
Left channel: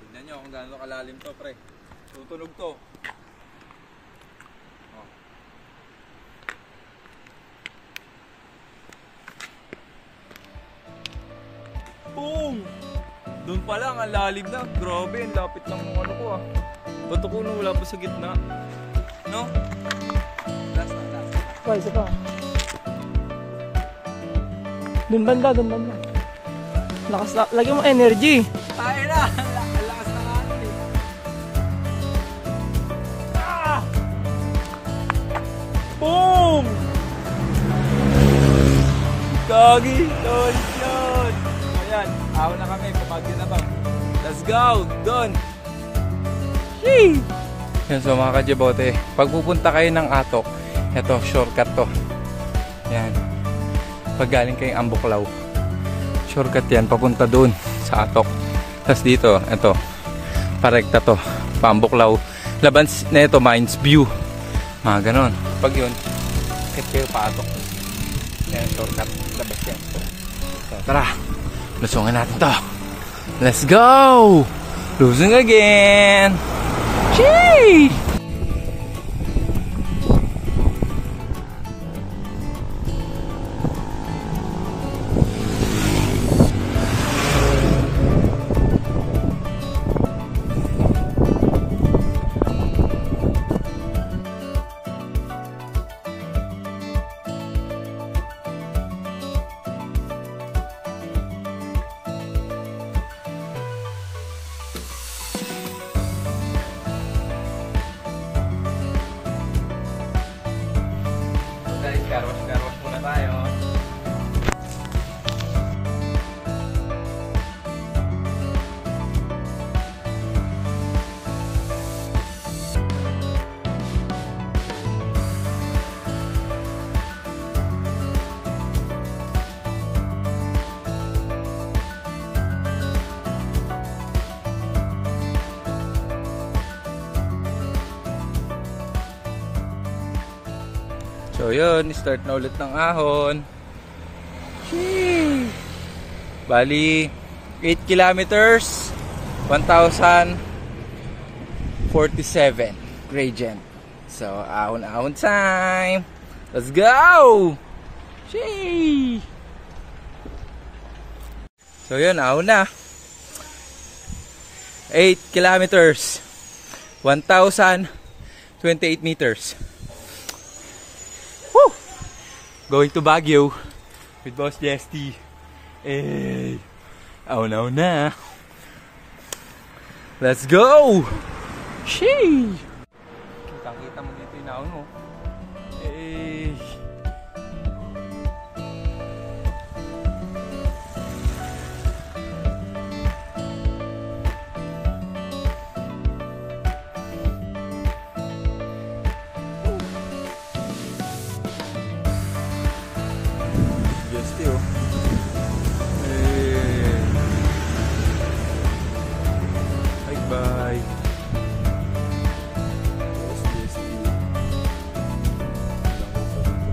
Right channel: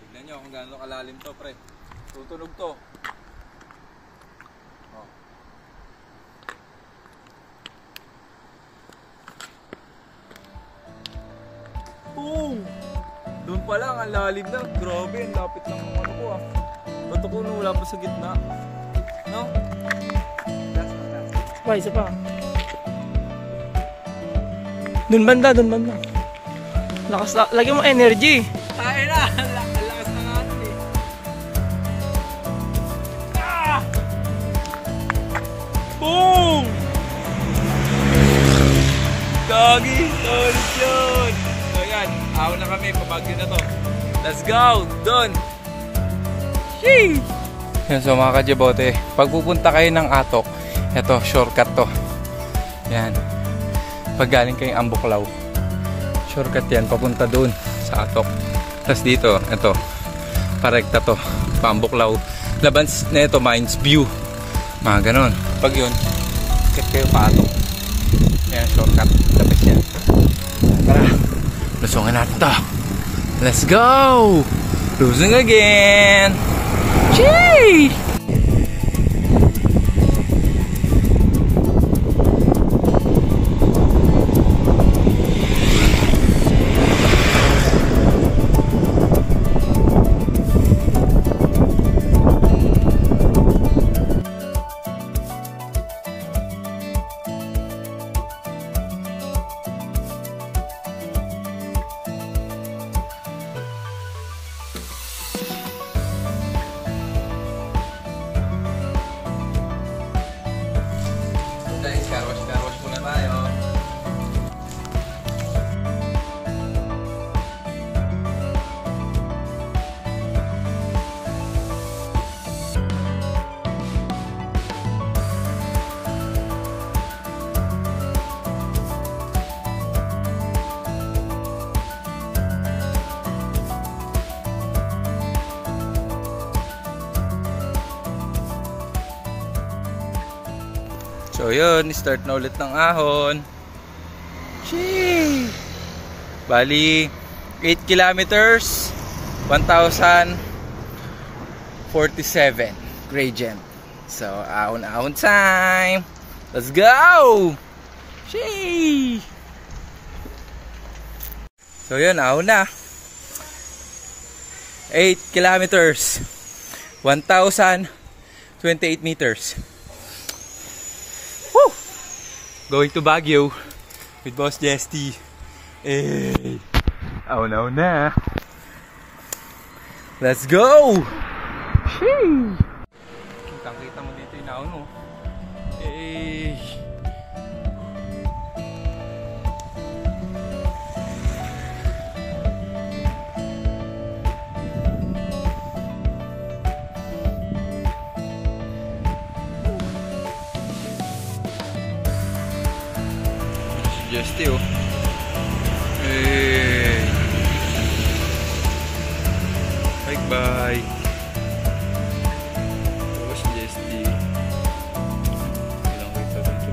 Tignan nyo kung gaano kalalim to, pre. Tutunog to. Oh. Boom! Doon pa lang, ang lalim na. Grabe, ang lapit ng ano ko ah. Totoo na wala pa sa gitna. No? Last na. Uy, isa pa. Doon banda. Lakas, lagyan mo energy. Tayo na! Ang lakas na nga nun eh. Ah! Boom! Doggy! Solid yun! So yan, ahon na kami. Pabagyo na to. Let's go! Doon! Sheesh! Yan, so mga kajabote, pag pupunta kayo ng Atok, ito, shortcut to. Yan. Pag galing kayong Ambuklaw, shortcut yan, papunta doon sa Atok. Tapos dito, ito, parekta to, Ambuklaw. Laban na ito, Mines View. Mga ganon. Pag yun, kit kayo pa Atok. Yan, shortcut. Labas yan. Tara, lusungin natin to. Let's go! Losing again! Chee! Carwash muna tayo. So yun, start na ulit ng ahon. Sheesh! Bali, 8 kilometers, 1,047 gradient. So, ahon-ahon time. Let's go! Sheesh! So yun, ahon na. 8 kilometers, 1,028 meters. Going to Baguio with Boss Jesty. Hey, ahon na. Let's go! Sheesh! Kitang-kita mo dito yung ahon mo. Hey! Jesty, oh. Hey. Bye-bye. Boss Jesty. Ilang kita dito.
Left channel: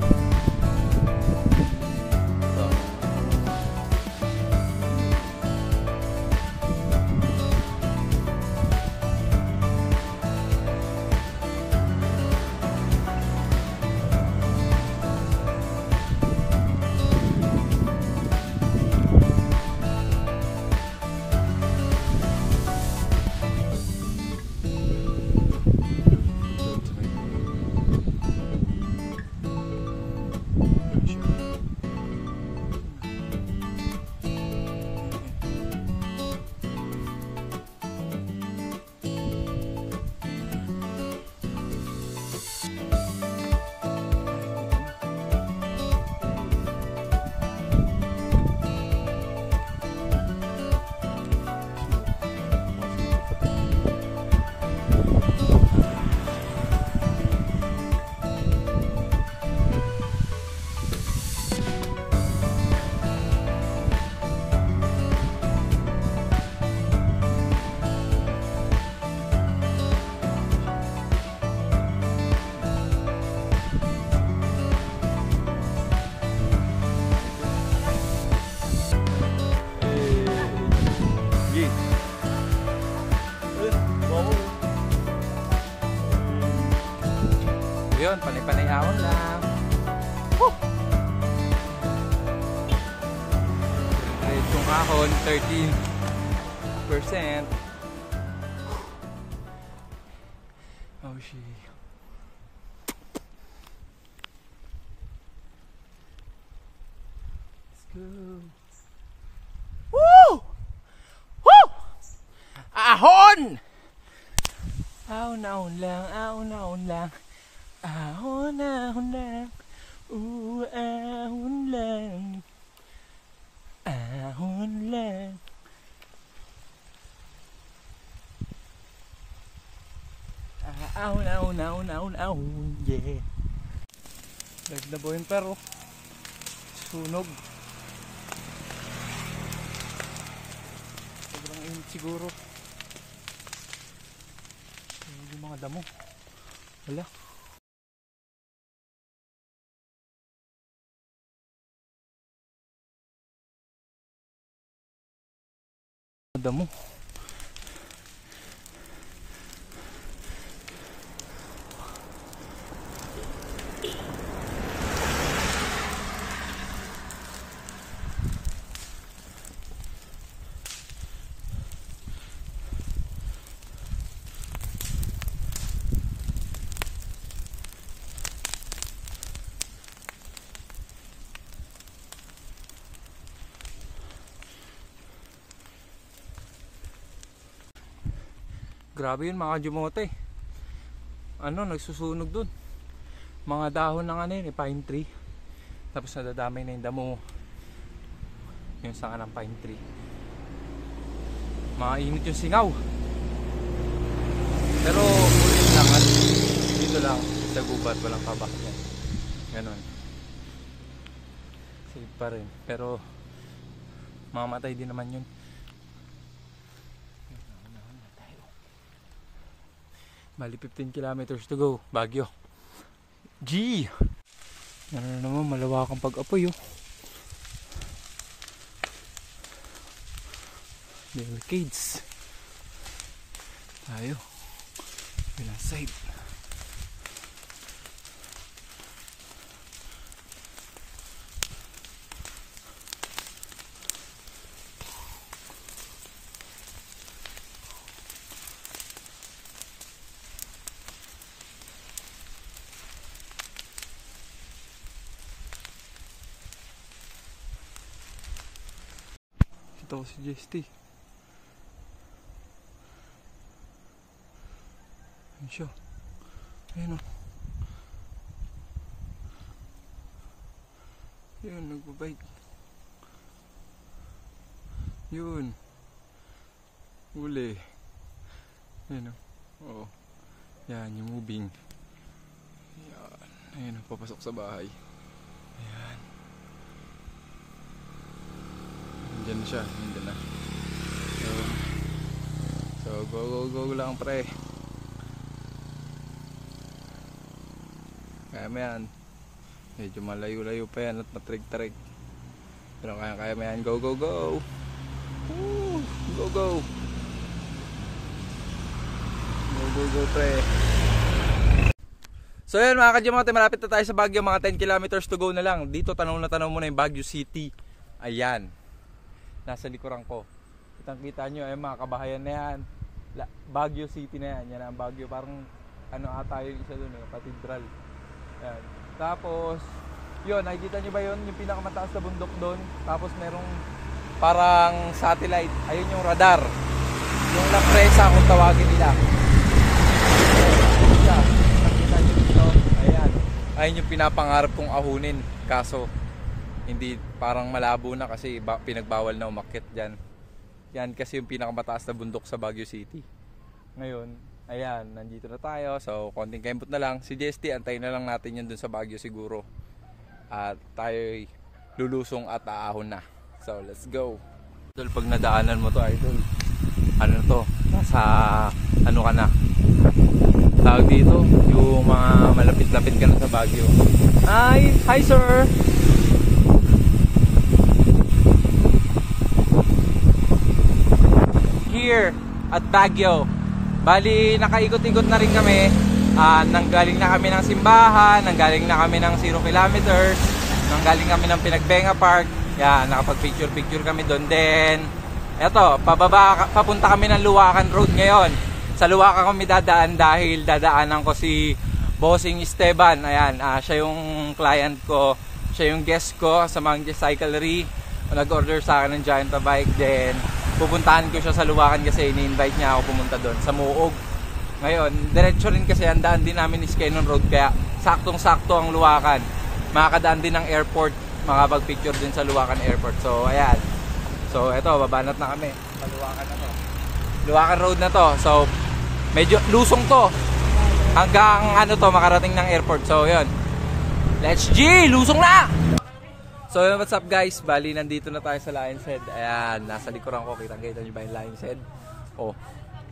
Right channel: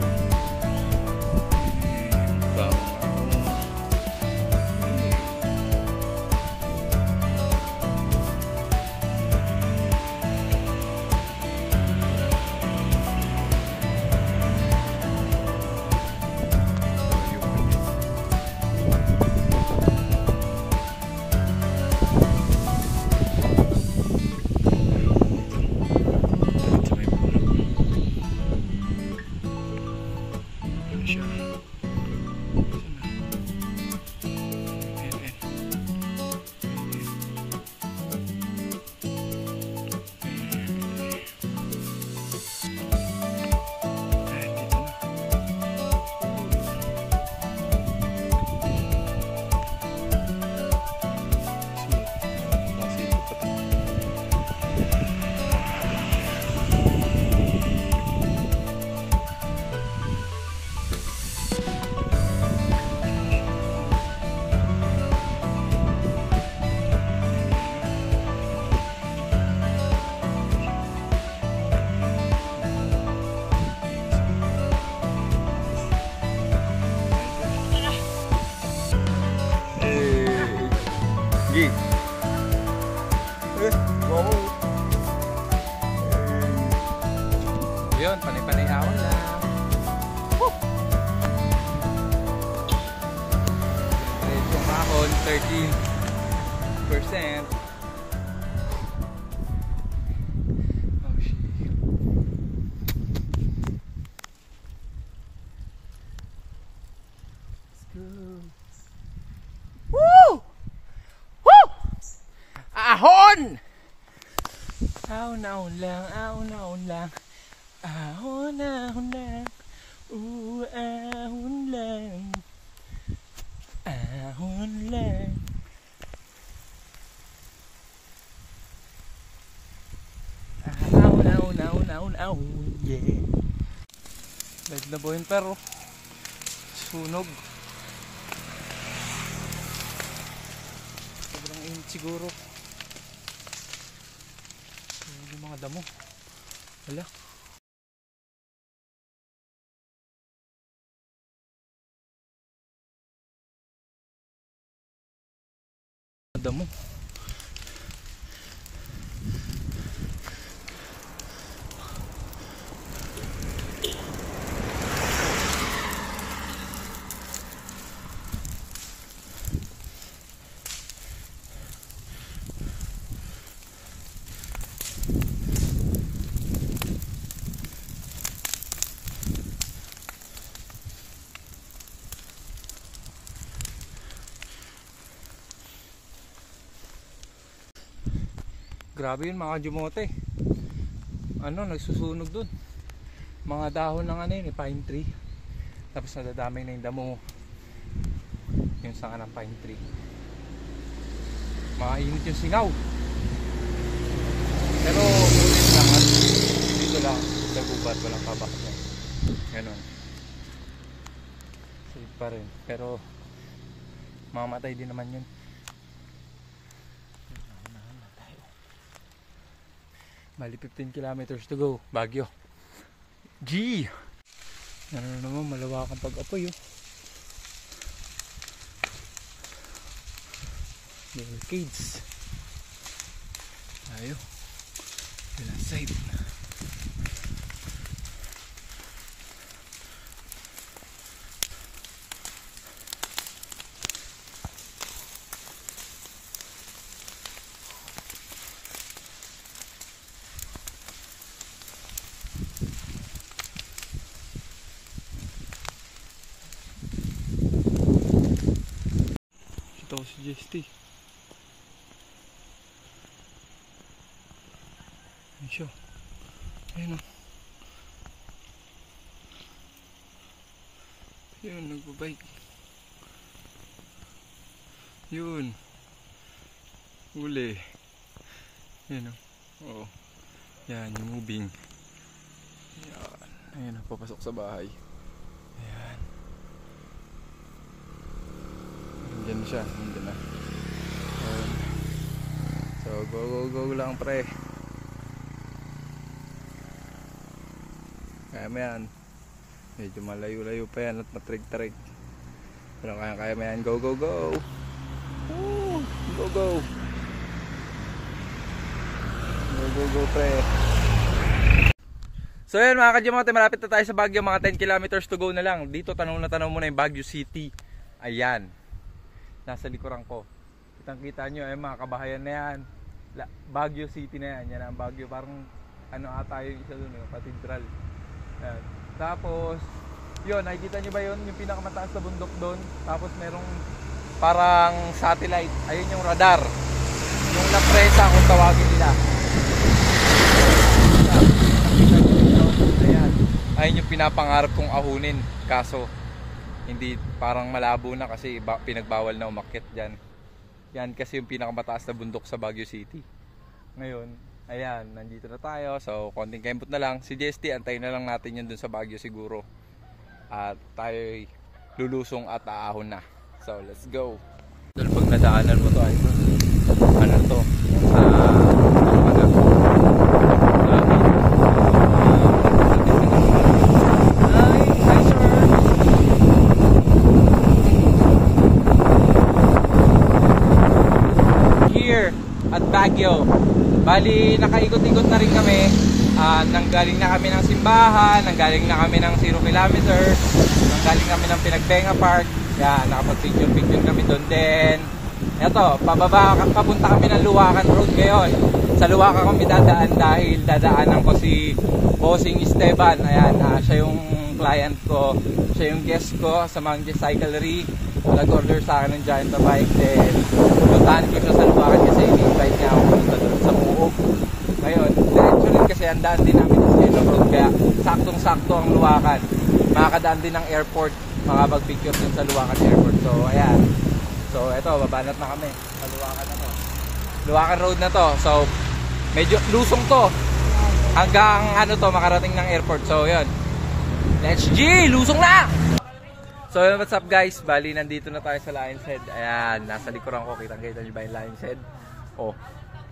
Yun, panay-panay ahon lang. Woo! Itong ahon, 13%. Oh shit. Let's go. Woo! Woo! Ahon! Ahon-ahon lang, ahon-ahon lang. Ahon-ahon lang. Ahon lang. Ahon lang. now, yeah. Live na buhin pero sunog. Sobrang init siguro. Sunog yung mga damo. Wala. Damo. Grabe yun mga kajumote. Ano, nagsusunog dun. Mga dahon ng ano yun, pine tree. Tapos nadadamay na yung damo. Yung sanga ng pine tree. Mainit yung singaw. Pero ulit lang. Dito lang. Sa gubat, walang kabak yan. Ganon. Safe pa rin. Pero mamatay din naman yun. Bali 15 kilometers to go. Baguio. G! Ano naman, malawakang pag-apoy oh. Barricades. Tayo. Ilang side. Ito ko si JST. Ayun siya. Ayun o. Yun, nagbabike. Yun. Uli. Ayun o. Oo. Yan, yung moving. Yan. Ayun o, papasok sa bahay. Ayan. Nandiyan na siya, nandiyan na. Ayan. So go lang pre. Kaya mo yan. Medyo malayo-layo pa yan at matrig-trig. Pero kaya mo yan. Go Woo! Go pre. So yan mga kajumote, malapit na tayo sa Baguio. Mga 10 kilometers to go na lang. Dito tanong muna yung Baguio City. Ayan. Nasa likuran ko. Kitang-kita nyo, mga kabahayan na yan. Baguio City na yan. Yan ang Baguio. Parang ano ata yung isa doon, yung cathedral. Ayan. Tapos, yun, nakikita nyo ba yun? Yung pinakamataas na bundok doon. Tapos merong parang satellite. Ayun yung radar. Yung La Presa kung tawagin nila. Nakita nyo dito. Ayan. Ayun yung pinapangarap kong ahunin. Kaso, hindi, parang malabo na kasi pinagbawal na umakyat dyan. Yan kasi yung pinakamataas na bundok sa Baguio City. Ngayon, ayan, nandito na tayo. So, konting kembot na lang. Si JST, antayin na lang natin yun dun sa Baguio siguro. At tayo lulusong at aahon na. So, let's go. Dahil pag nadaanan mo to, idol, ano to? Sa, ano ka na? Tawag dito. Yung mga malapit-lapit ka ng Baguio. Hi sir! Here at Baguio. Bali, nakaikot-ikot na rin kami. Nanggaling na kami ng simbahan, nanggaling na kami ng 0 kilometers, nanggaling kami ng Pinagbenga Park. Yan, nakapag-picture kami doon din. Eto, papunta kami ng Luwakan Road ngayon. Sa Luwakan kami dadaan dahil dadaanan ko si Bossing Esteban. Ayan, siya yung client ko, siya yung guest ko sa Monkey Cyclery. Nag-order sa akin ng Giant bike. Then pupuntahan ko siya sa Luwakan kasi in-invite niya ako pumunta doon sa Muog. Ngayon, diretso rin kasi ang daan din namin is Quezon Road, kaya saktong-sakto ang Luwakan. Makakadaan din ng airport, makapag-picture din sa Luwakan Airport. So ayan. So eto, babanat na kami sa Luwakan na to. Luwakan Road na to. So medyo lusong to. hanggang ano to, makarating ng airport. So yun, let's G! Lusong na! So what's up guys, bali nandito na tayo sa Lion's Head. Ayan, nasa likuran ko, kitang-kita nyo ba yung Lion's Head? Oh,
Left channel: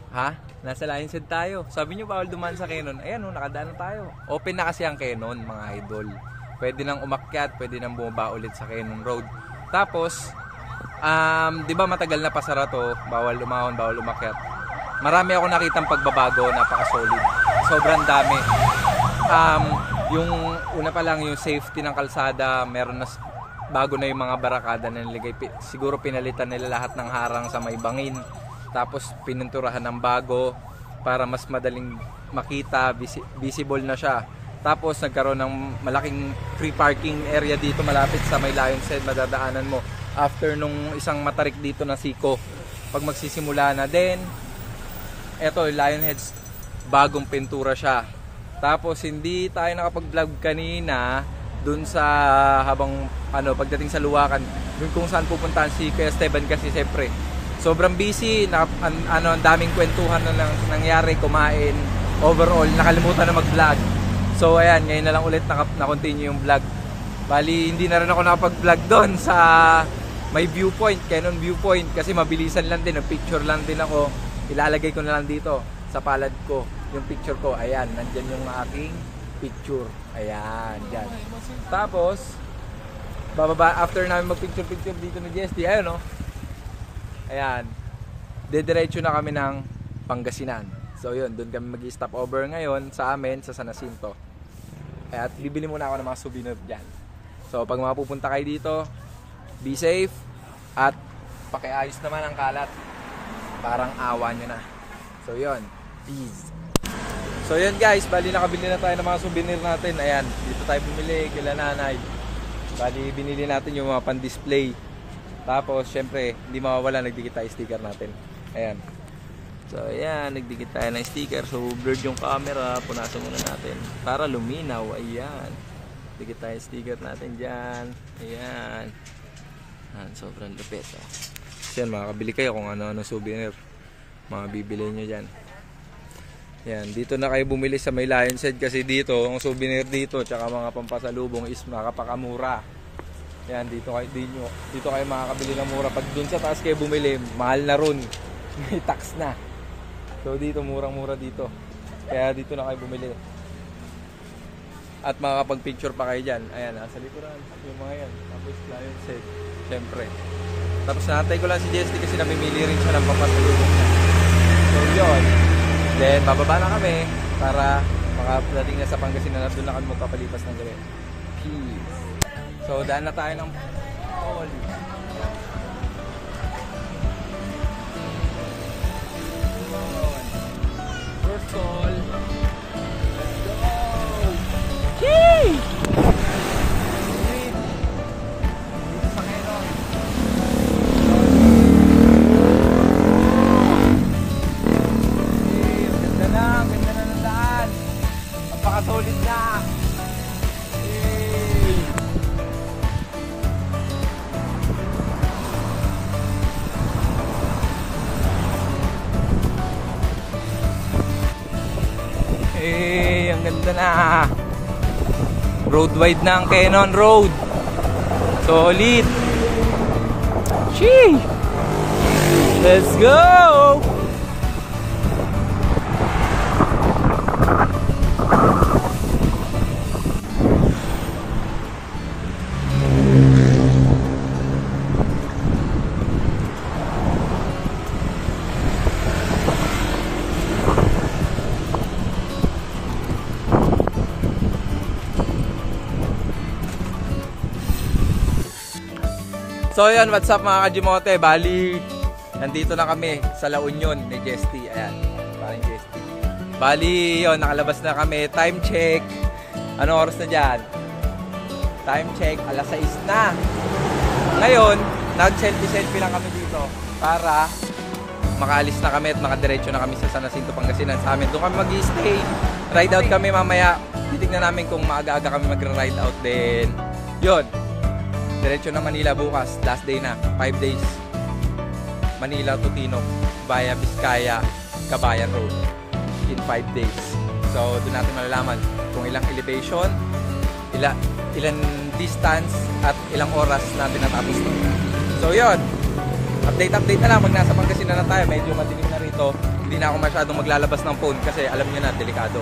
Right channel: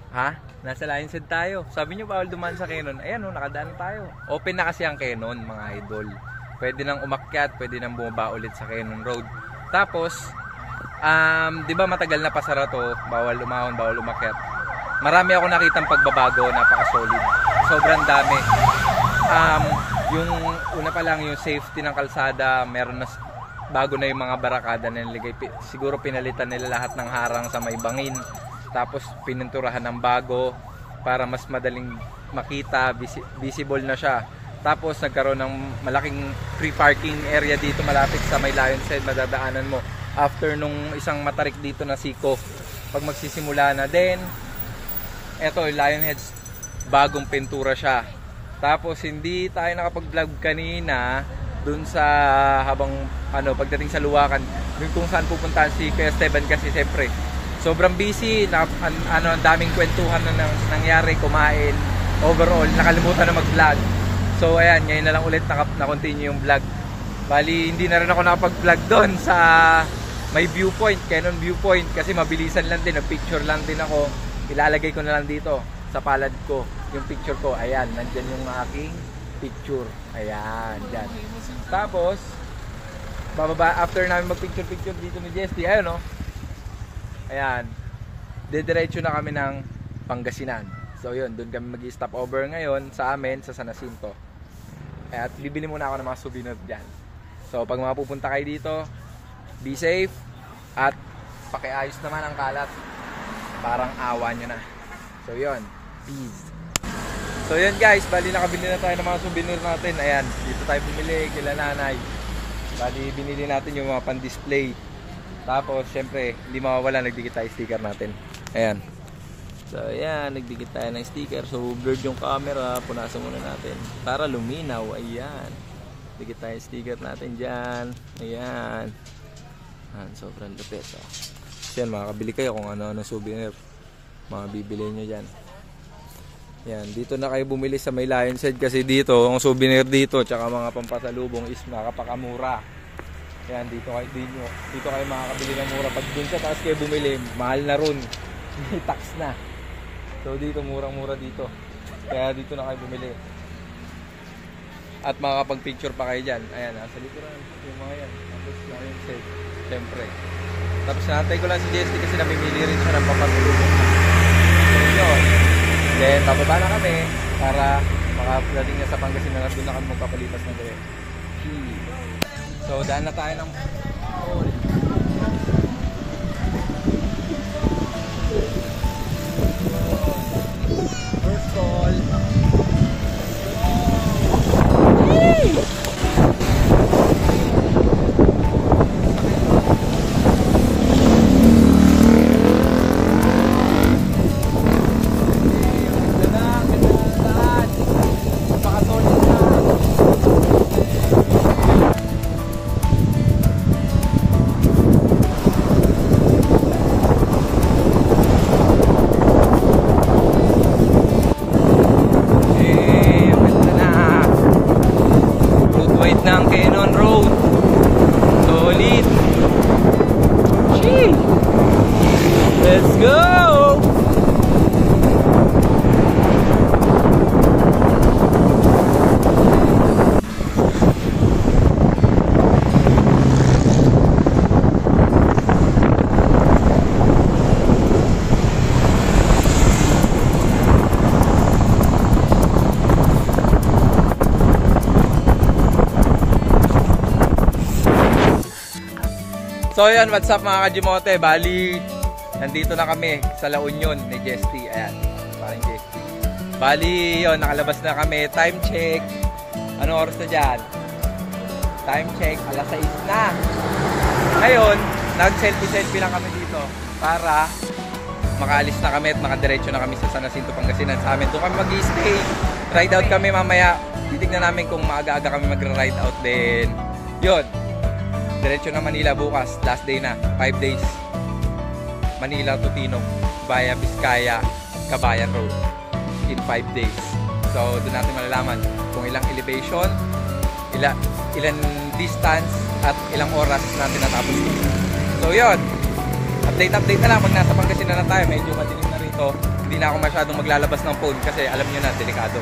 ha? Nasa Lion's Head tayo. Sabi nyo bawal dumaan sa Cannon. Ayan oh, nakadaan tayo. Open na kasi ang Cannon mga idol. Pwede nang umakyat, pwede nang bumaba ulit sa Cannon Road. Tapos, di ba matagal na pasara to, bawal umahon, bawal umakyat. Marami ako nakitang pagbabago, napaka-solid. Sobrang dami. Yung una pa lang, yung safety ng kalsada, meron na bago na yung mga barakada na niligay. Siguro pinalitan nila lahat ng harang sa may bangin. Tapos pininturahan ng bago para mas madaling makita, visible na siya. Tapos nagkaroon ng malaking free parking area dito malapit sa may Lion's Head, madadaanan mo. After nung isang matarik dito na siko, pag magsisimula na din, eto Lion's Head, bagong pintura siya. Tapos hindi tayo nakapag-vlog kanina dun sa habang pagdating sa Luwakan, dun kung saan pupuntahan si Kuya Esteban kasi siyempre sobrang busy na, ang daming kwentuhan na nangyari, kumain, overall nakalimutan na mag-vlog. So ayan, ngayon na lang ulit na-continue yung vlog. Bali hindi na rin ako nakapag-vlog doon sa may viewpoint, Cannon viewpoint, kasi mabilisan lang din, picture lang din ako. Ilalagay ko na lang dito sa palad ko yung picture ko. Ayan, nandyan yung aking picture. Ayan, dyan. Tapos bababa, after namin mag-picture dito ni Jesty, ayun o. Ayan, dediretso na kami ng Pangasinan. So yun, doon kami mag-stop over ngayon sa amin, sa San Jacinto. At bibili muna ako ng mga souvenir dyan. So pag mapupunta kayo dito, be safe at pakiayos naman ang kalat. Parang awa nyo na. So yun, peace. So yun guys, bali nakabili na tayo ng mga souvenir natin. Ayan, dito tayo bumili kila nanay. Bali binili natin yung mga pan-display. Tapos syempre, hindi mawawala, nagdikit tayo sticker natin. Ayan. So ayan, nagdikit tayo ng sticker. So blurred yung camera, punasan muna natin para luminaw. Ayan. Dikit tayo sticker natin dyan. Ayan. Ayan, sobrang lupit. Oh. So yan, makakabili kayo kung ano-ano souvenir. Mga bibili nyo dyan. Yan, dito na kayo bumili sa may Lion's Head kasi dito, ang souvenir dito, tsaka mga pampasalubong is makapakamura. Yan, dito kayo makakabili ng mura. Pag dun sa taas kayo bumili, mahal na ron. May tax na. So dito, murang-mura dito. Kaya dito na kayo bumili. At makakapag-picture pa kayo dyan. Ayan, nasa likuran. Yung mga yan. Tapos Lion's Head. Siyempre. Tapos natay ko lang si Jesty kasi namimili rin siya ng pampasalubong. So yun. Then bababa na kami para makadating na sa Pangasinan at doon na kami magpapalipas ng gabi. Peace. So daan na tayo ng mall. First call. Let's go! Yay! Wide ng Cannon Road. Solid. Ching! Let's go! So yan, what's up mga Kajimote? Bali, nandito na kami sa La Union ni Jesty. Ayan, parang Jesty. Bali, yun, nakalabas na kami. Time check. Anong oras na dyan? Time check, alas 6 na. Ngayon, nag-selfie-selfie lang kami dito para makaalis na kami at makadiretso na kami sa San Jacinto, Pangasinan sa amin. Doon kami mag-stay. Ride out kami mamaya. Titignan namin kung maaga-aga kami mag-ride out din. Yun. Diretso na Manila bukas, last day na, 5 days. Manila to Tinok, via Vizcaya, Kabayan Road, in 5 days. So doon natin malalaman kung ilang elevation, ilan distance at ilang oras natin natapos doon. So yun, update na lang pag nasa Pangasinan na tayo. Medyo madilim na rito, hindi na ako masyadong maglalabas ng phone kasi alam nyo na, delikado.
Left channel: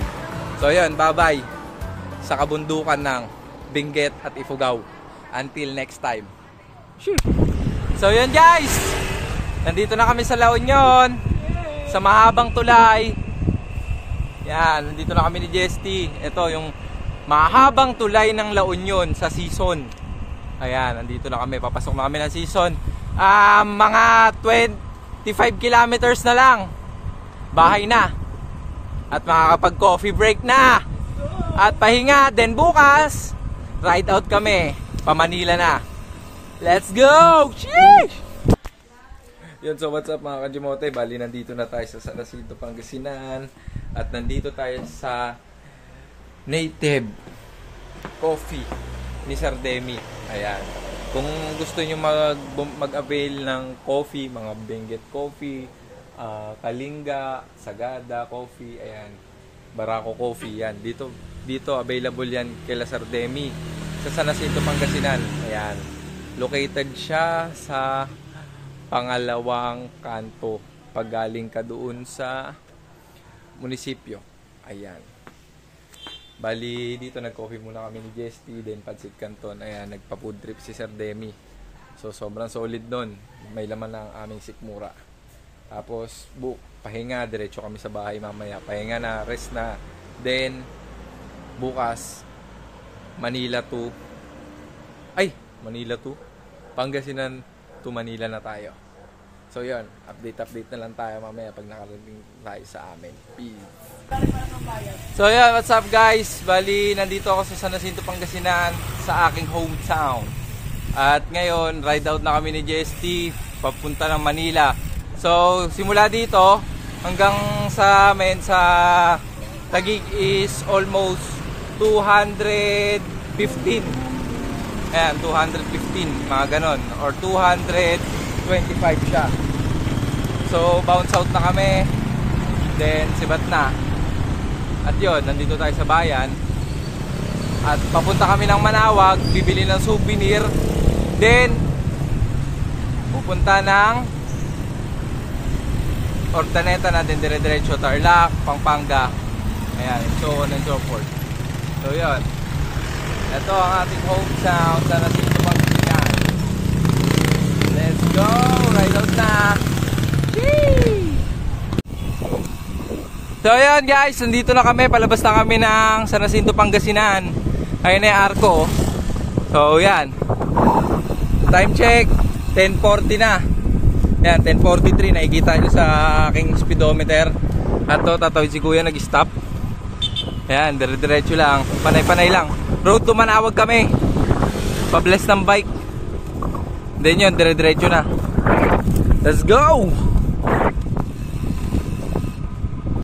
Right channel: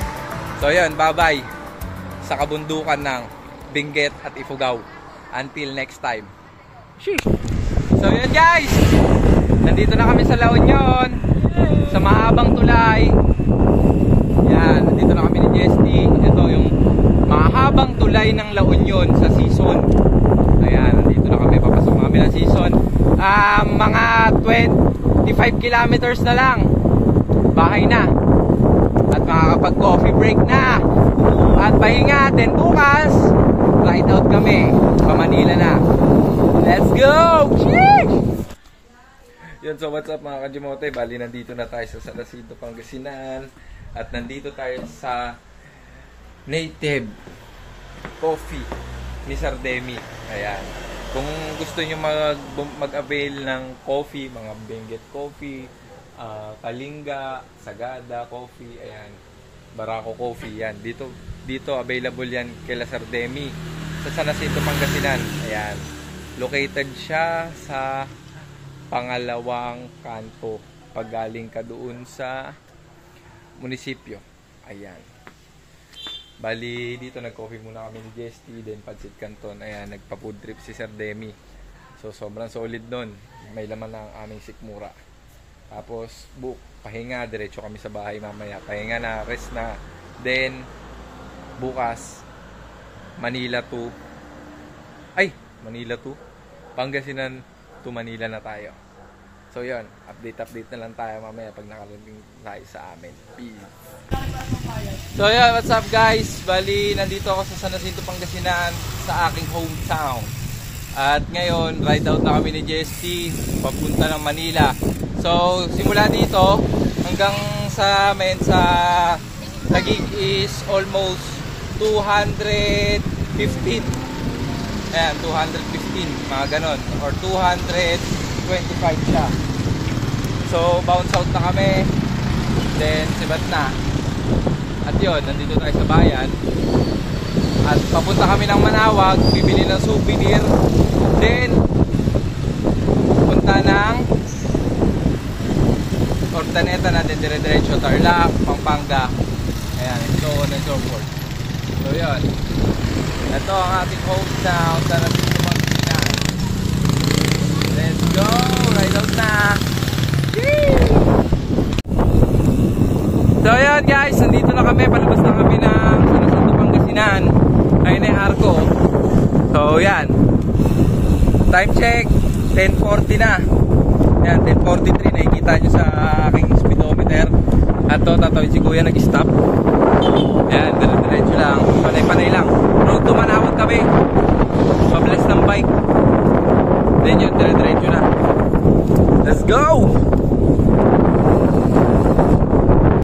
So yun, bye bye sa kabundukan ng Benguet at Ifugao. Until next time. Sheesh. So yun guys, nandito na kami sa La Union, sa mahabang tulay. Yan, nandito na kami ni JST. Ito yung mahabang tulay ng La Union sa season. Ayan, nandito na kami, papasok na kami ng season. Mga 25 kilometers na lang, bahay na. At makakapag coffee break na. At pahinga, then bukas ride out kami pa Manila na. Let's go! Cheers! Yun, so what's up mga Kajimote? Bali, nandito na tayo sa San Jacinto, Pangasinan. At nandito tayo sa Native Coffee ni Sir Demi. Ayan. Kung gusto nyo mag-avail ng coffee, mga Benguet Coffee, Kalinga, Sagada Coffee, ayan, Barako Coffee, yan. Dito available yan kay Sir Demi sa San Jacinto, Pangasinan. Ayan. Located siya sa pangalawang kanto pag galing ka doon sa munisipyo. Ayan. Bali, dito nag-coffee muna kami ni JST, then Pansit Canton. Ayan, nagpa-food trip si Sir Demi. So, sobrang solid nun. May laman na ang aming sikmura. Tapos, pahinga, diretso kami sa bahay mamaya. Pahinga na, rest na. Then, bukas, Manila to Pangasinan to Manila na tayo. So yun, update na lang tayo mamaya pag nakarating tayo sa amin. Peace. So yun, what's up guys? Bali, nandito ako sa San Jacinto, Pangasinan, sa aking hometown. At ngayon, ride out na kami ni JST papunta ng Manila. So, simula dito hanggang sa Taguig is almost 215. Ayan, 215, mga ganon. Or 225 siya. So, bounce out na kami. Then, sibat na. At yun, nandito tayo sa bayan. At papunta kami ng Manawag, bibili ng souvenir. Then, pupunta ng Ordaneta natin, dire-diretso Tarlac, Pampanga. Ayan, so on and so forth. So yun, ito ang ating hometown, San Jacinto, Pangasinan. Let's go! Ride out na! Yee! So yun guys, nandito na kami, palabas na kami ng San Jacinto, Pangasinan. Ayun na yung arko. So yan, time check, 10:40 na. Yan, 10:43, nakikita nyo sa aking speedometer. At to, tatawid si Kuya, nag-stop. Yan, dire-diretso lang, panay-panay lang. Road to Manawag kami, pabless ng bike. Then yun, dire-diretso na. Let's go!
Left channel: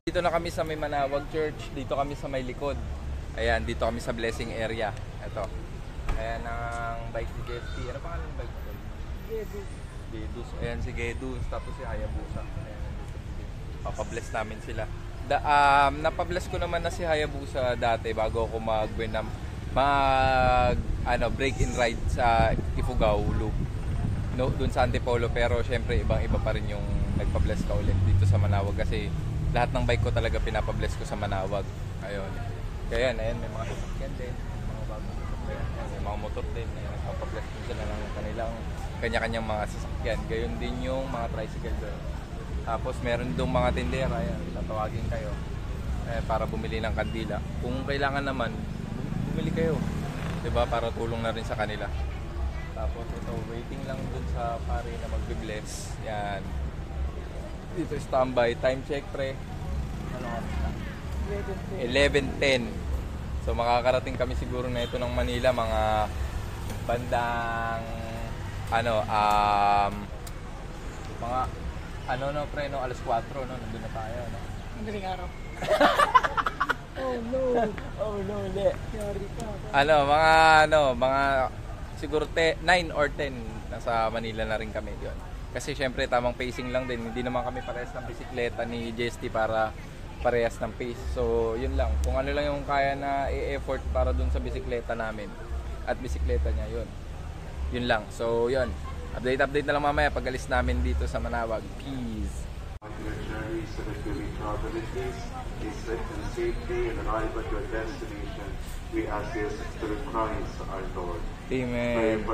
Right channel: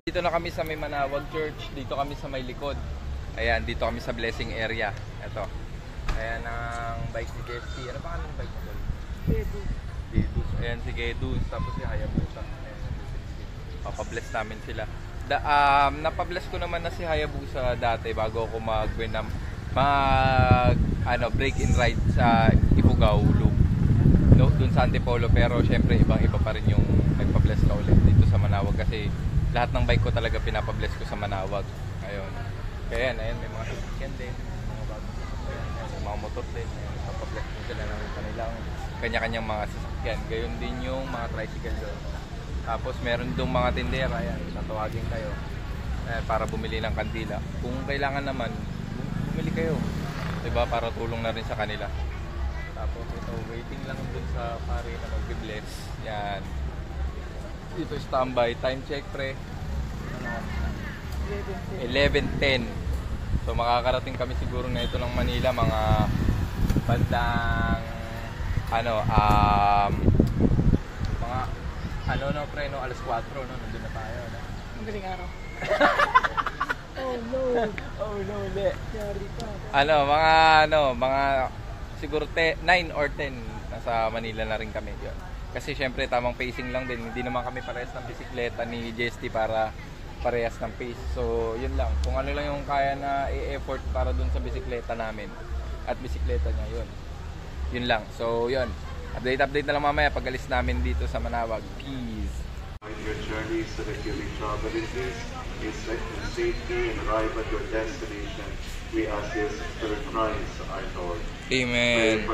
Dito na kami sa may Manawag Church. Dito kami sa may likod. Ayan, dito kami sa blessing area. Ito. Ayan ang bike ni JST. Ano pa kami ng bike mo? Gedus. Ayan si Gedus. Tapos si Hayabusa. Ayan, papabless namin sila. Napabless ko naman na si Hayabusa dati bago ako break in ride sa Ifugao Loop. No, dun sa Antipolo, pero syempre ibang-iba pa rin yung nagpa-bless ka ulit dito sa Manawag kasi lahat ng bike ko talaga pinapabless ko sa Manawag. Ayun. Kaya yan, ayun, may mga sasakyan din, mga bagong sasakyan, ayun, may mga motor din, ayun, nagpapabless din sila ng kanilang kanya-kanyang mga sasakyan. Gayon din yung mga tricycle doon. Tapos meron doon mga tindera, ayan, tatawagin kayo para bumili ng kandila. Kung kailangan naman, bumili kayo, diba, para tulong na rin sa kanila. Tapos ito, waiting lang dun sa pare na magbe-bless. Yan. Dito standby. Time check, pre. Ano oras na? 11:10. So makakarating kami siguro na ito ng Manila mga bandang pre, alas 4, no? Nandun na tayo, no? Madaling araw. Oh no, hindi. Yari ka. Mga siguro 9 or 10 nasa Manila na rin kami yon. Kasi syempre tamang pacing lang din, hindi naman kami parehas ng bisikleta ni JST para parehas ng pace. So yun lang, kung ano lang yung kaya na i-effort para dun sa bisikleta namin at bisikleta niya, yun lang. So yun, update na lang mamaya pag alis namin dito sa Manawag. Peace. Your journey so that you may travel in peace, in safety, and arrive at your destination. We ask this through Christ our Lord. Amen.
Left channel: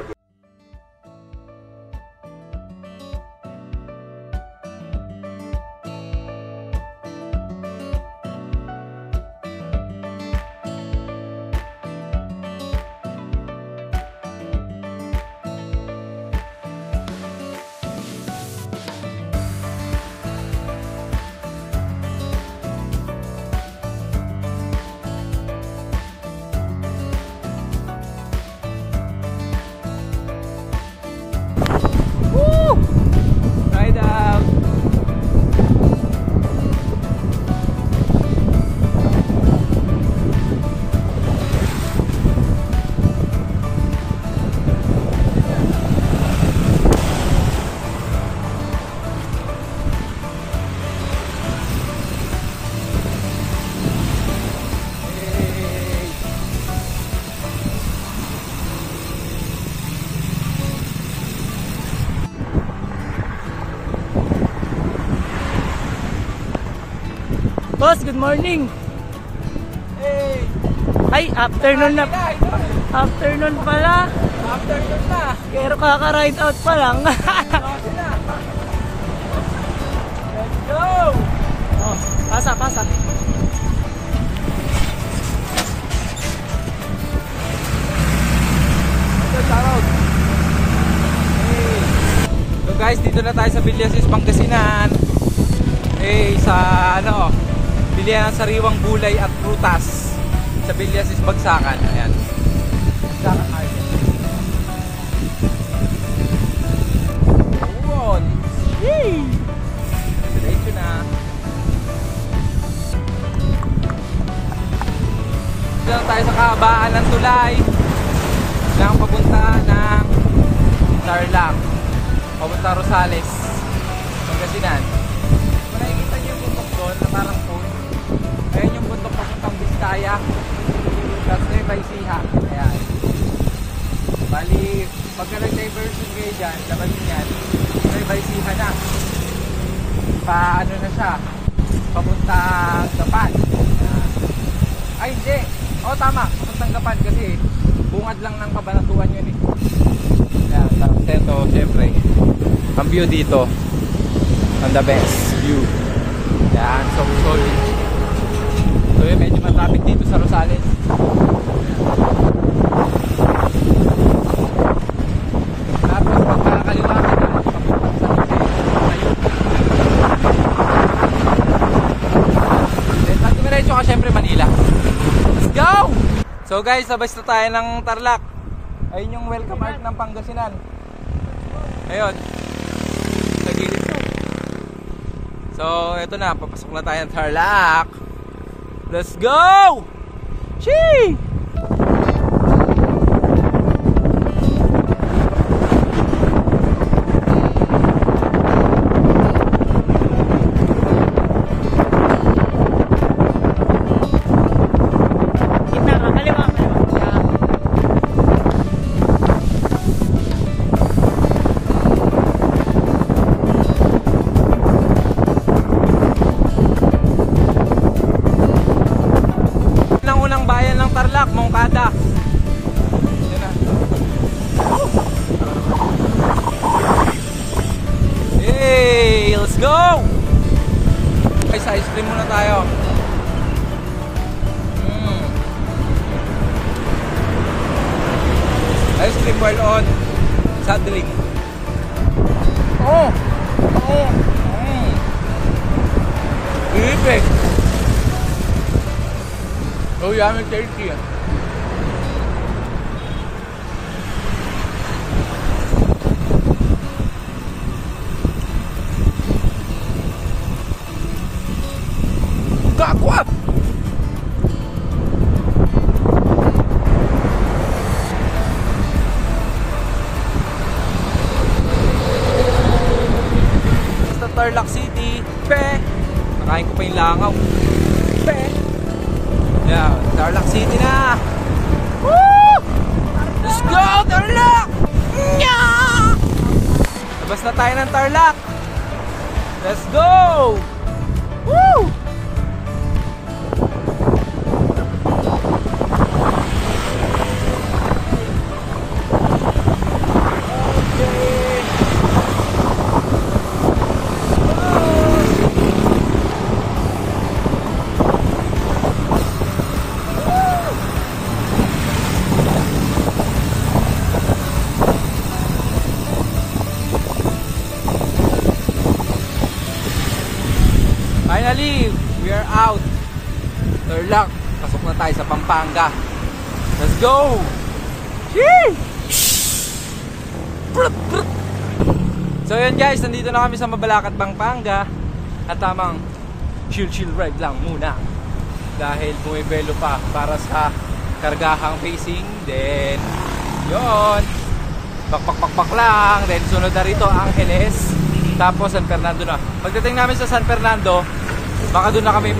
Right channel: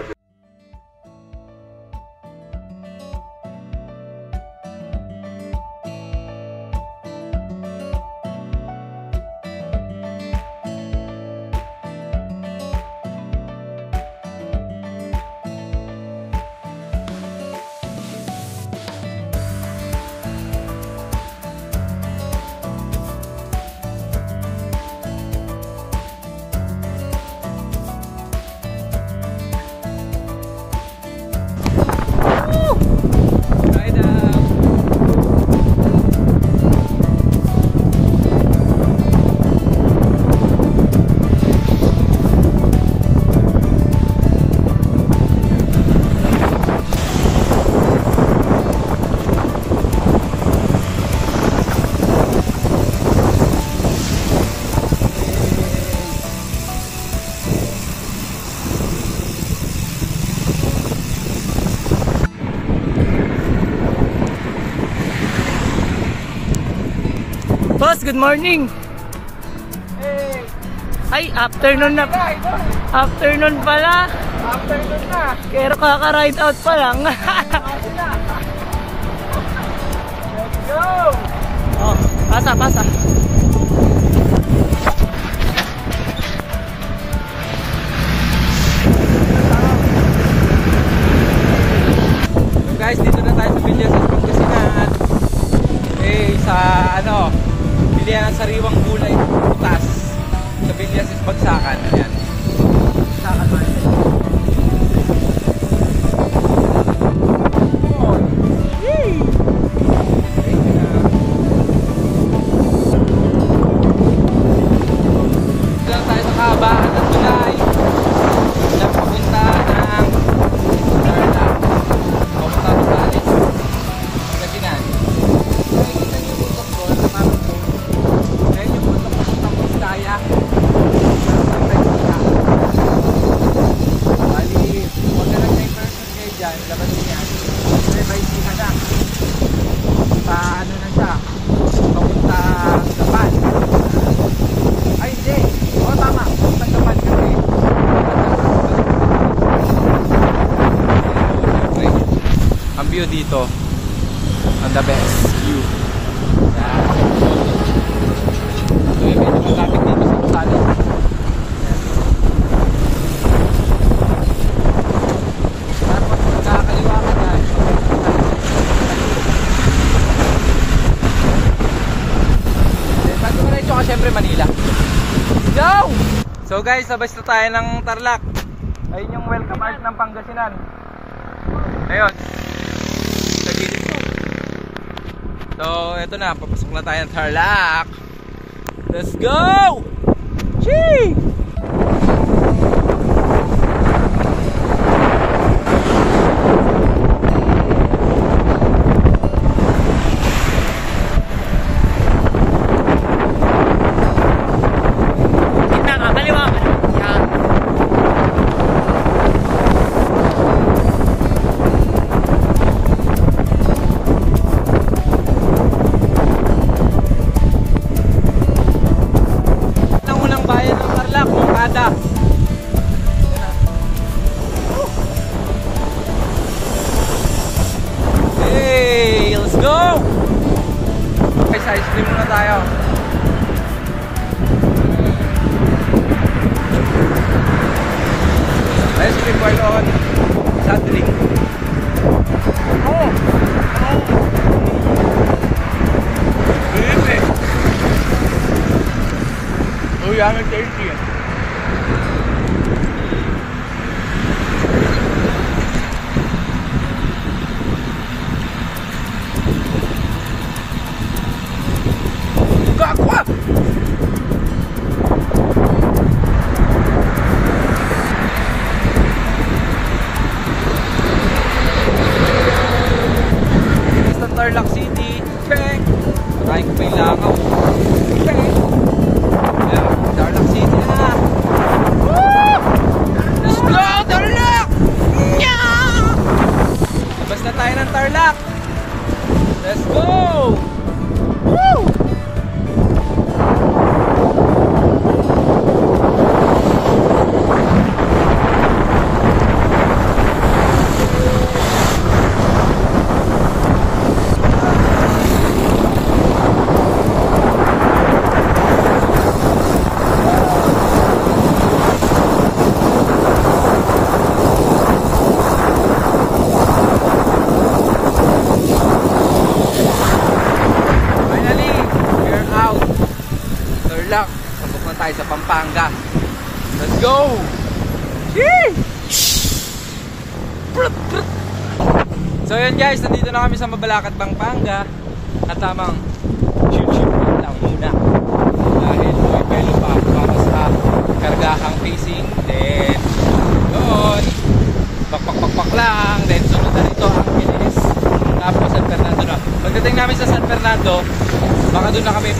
Boss, good morning. Hey! Ay, afternoon na. Afternoon pala. Afternoon na! Pero kaka-ride out pa lang. Kasi na! Let's go! Oh, pasa. So guys, dito na tayo sa Villasis, Pangasinan. Sa bilihan ng sariwang gulay at prutas sa Villasis, Bagsakan. Ayan. Bagsakan market. Yun. Yee! Ready na. Dito lang tayo sa kahabaan ng tulay ng papunta ng Tarlac. Papunta Rosales, Pangasinan. Nakikita niyo yung bundok doon na parang phone. Ayan yung bundok papuntang Puskaya. Pero may bagsika. Bali, pag nag-diversion kayo dyan, labas nyo yan, may bagsika na. Paano na siya? Papuntang Gapan. Ay, hindi. Oo, tama. Papuntang Gapan kasi Gapan lang ang kabalik. Yan, ang view dito. On the best view. Yan, so solid. So yun, medyo malapit dito sa Rosales. Tapos pag nakakaliwa ka na, then pag dumiretso ka syempre Manila. Let's go! So guys, labas na tayo ng Tarlac. Ayun yung welcome art ng Pangasinan. Ayun. Sa gilid ko. So, eto na, papasok na tayo ng Tarlac. Let's go! Chee! Kita ka, kaliwa. Yan. Bayan ng Tarlac, Mokada. Hey, let's go! Guys, ice cream muna tayo. Ice cream while on saddling. Really? Oh, yeah, I'm tasty. Kakwa! Basta Tarlac City. Check! Nakain ko pa yung langaw. Labas na tayo ng Tarlac. Let's go! Woo! Tarlac, pasok na tayo sa Pampanga. Let's go! So yun guys, nandito na kami sa Mabalacat, Pampanga. At tamang chill ride lang muna dahil may pelo pa para sa kargahang pacing. Then yun, pakpak lang. Then sunod na rito ang Angeles, tapos San Fernando na. Pagdating namin sa San Fernando, baka doon na kami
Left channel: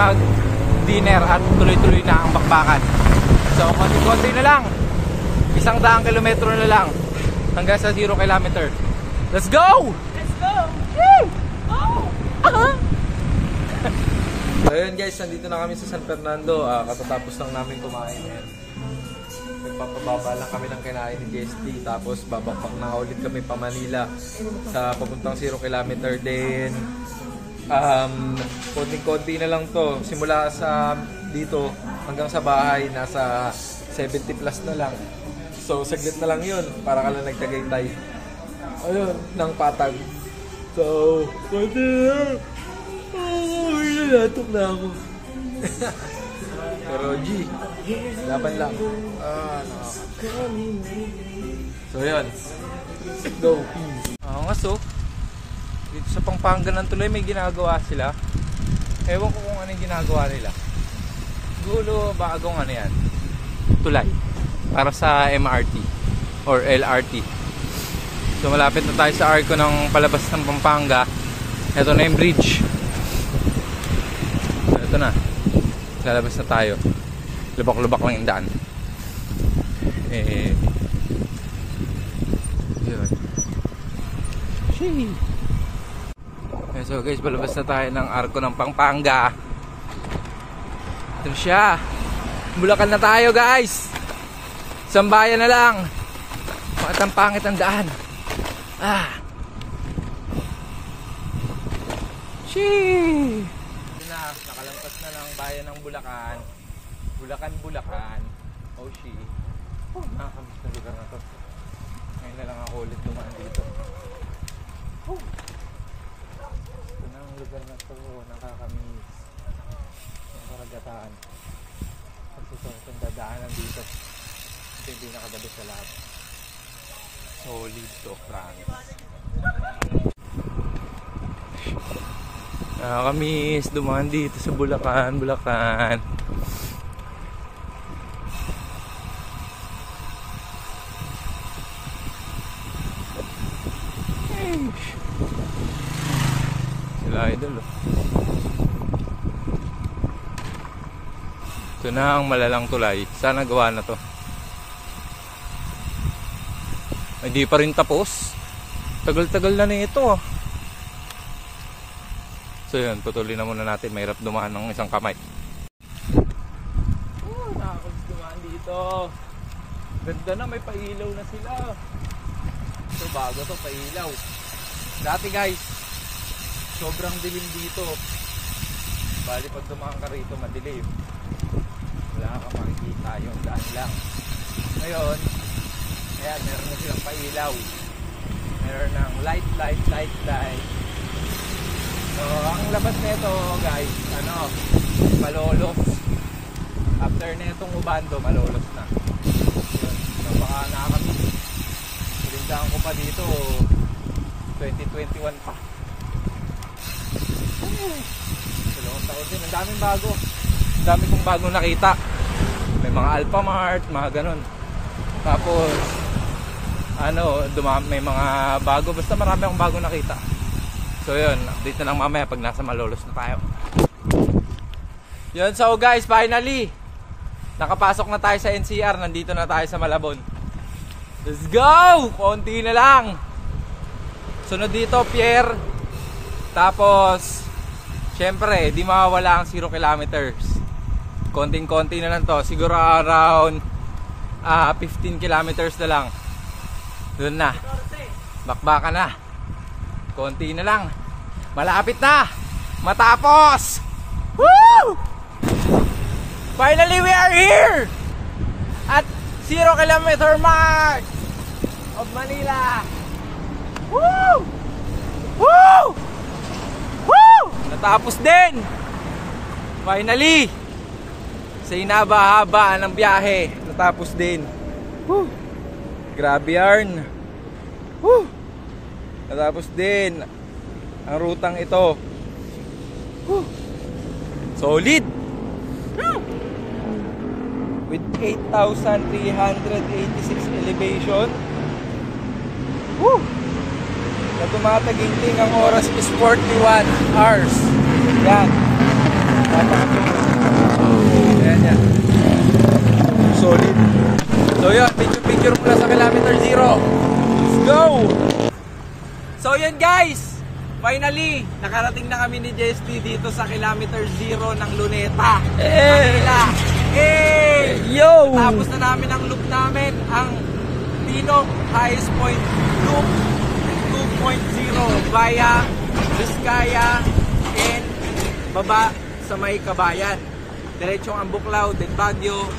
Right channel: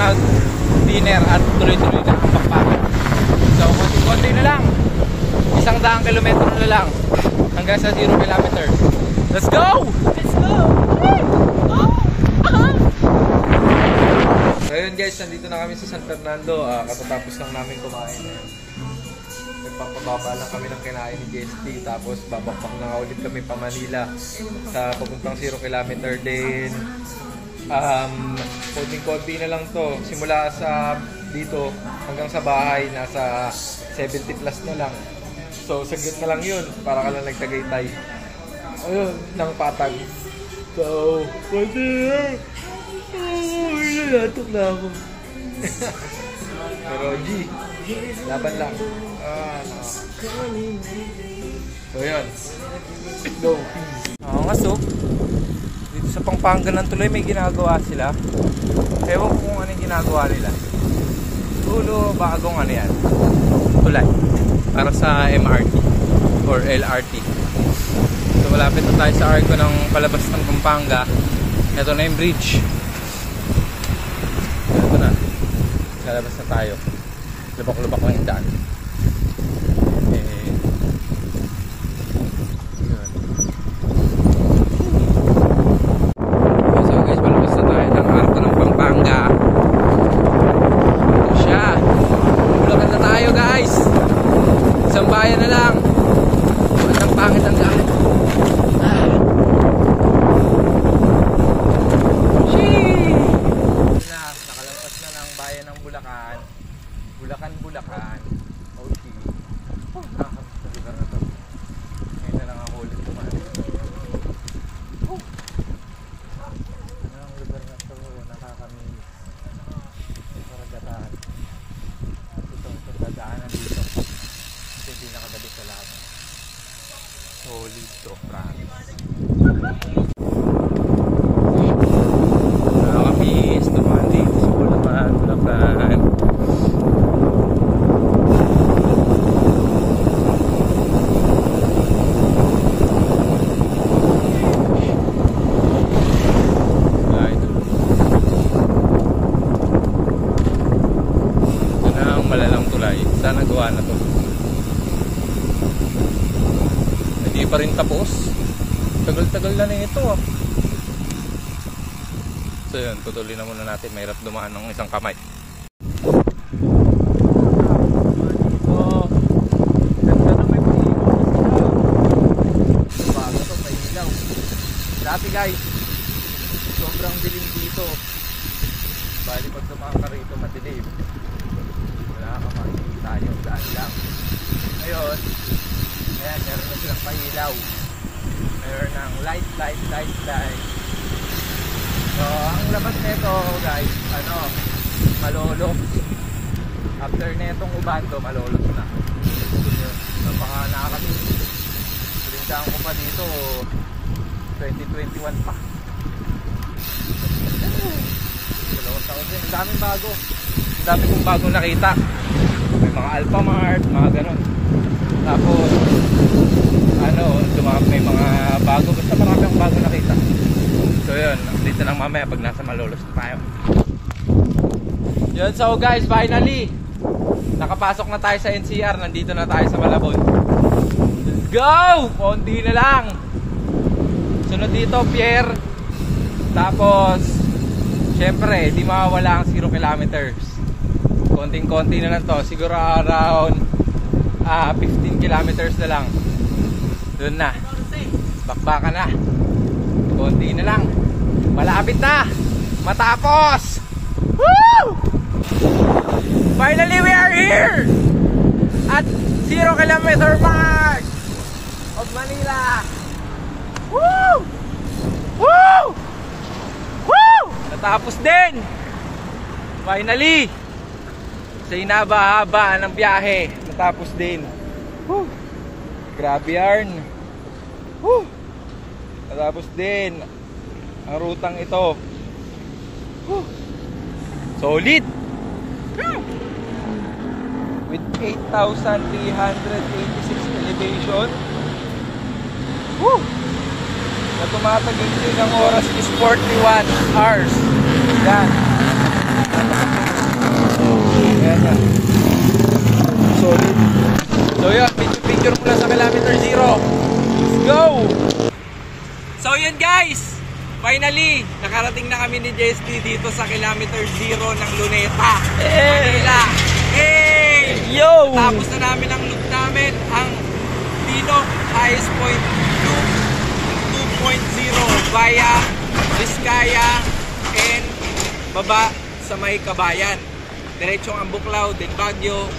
dinner at tuloy-tuloy na ang bakbakan. So konti-konti na lang, 100 kilometro na lang hanggang sa 0 kilometer. Let's go! Let's go! So yun guys, nandito na kami sa San Fernando. Katatapos lang namin kumain. Nagpapababa lang kami ng kinain ni JST. Tapos babakpak na ulit kami pa Manila sa papuntang 0 kilometer din. Konting-konti na lang to. Simula sa dito hanggang sa bahay, nasa 70 plus na lang. So saglit na lang yun para ka lang nagtagaytay ayun, ng patag. So nalatok na ako. Pero G, laban lang. So yun, go. Nga so dito sa Pampanga ng tuloy may ginagawa sila. Ewan ko kung ano yung ginagawa nila. Siguro bagong ano yan, tulay para sa MRT or LRT. So malapit na tayo sa arko ng palabas ng Pampanga. Ito na yung bridge. Ito na, lalabas na tayo. Lubak-lubak lang yung daan. Pampanga. Ito siya. Bulacan na tayo guys. Isang bayan na lang. Ang pangit ang daan. Nakalampas na ng bayan ng Bulacan. Bulacan. Oh shit. Nakakamiss na lugar na to. Ngayon na lang ako ulit tumahan dito. Ang lugar na to, nakakamiss. Ito ragatan. Ito dadaanan dito. Ito yung pinakagabi sa lahat. Solid to, promise. Nakakamiss tumahan dito sa Bulacan. Malalang tulay. Sana gawa na to. Hindi pa rin tapos. Tagal-tagal na ito. So yun, tutuloy na muna natin. Mahirap dumaan ng isang kamay. Dito. Ganda na, may pailaw na sila. Bago to, pailaw. Dati guys, sobrang dilim dito. Bali pag dumaan ka rito, madilim. Wala ka makikita, yung daan lang. Ngayon, ayan, meron na silang pailaw. Meron ng light. So, ang labas nito guys, Malolos. After netong Ubando, Malolos na. So, baka nakakamiss. Pilindahan ko pa dito, 2021 pa. Dalawang taon din, ang daming bago. Ang dami kong bago nakita. May mga Alphamart, mga ganon. Tapos may mga bago. Basta marami akong bago nakita. So yun, dito lang mamaya pag nasa Malolos na tayo. Yun, so guys, finally nakapasok na tayo sa NCR. Nandito na tayo sa Malabon. Let's go! Konti na lang. Sunod dito, Pierre. Tapos, syempre, di mawawala ang 0 kilometers. Konting-konti na lang to. Siguro around 15 kilometers na lang. Doon na. Bakbakan na. Konti na lang. Malapit na. Matapos. Woo! Finally, we are here at 0 kilometer mark of Manila. Woo! Woo! Woo! Natapos din. Finally. Sa inaba-haba ng biyahe, natapos din. Woo! Grabe yarn. Woo! Natapos din ang rutang ito. Woo! Solid. With 8,386 elevation. Woo! Na tumataginting ang oras is 41 hours. Yan. Napaka-solid. Ayan yan. Solid. So yun, picture mula sa kilometer 0. Let's go! So yun guys, finally, nakarating na kami ni JST dito sa kilometer 0 ng Luneta, Manila. Hey! Yo! Natapos na namin ang loop namin, ang Tinok Highest Point Loop 2.0 via Vizcaya and baba sa may Kabayan. Diretsong Ambuklaw, then Baguio,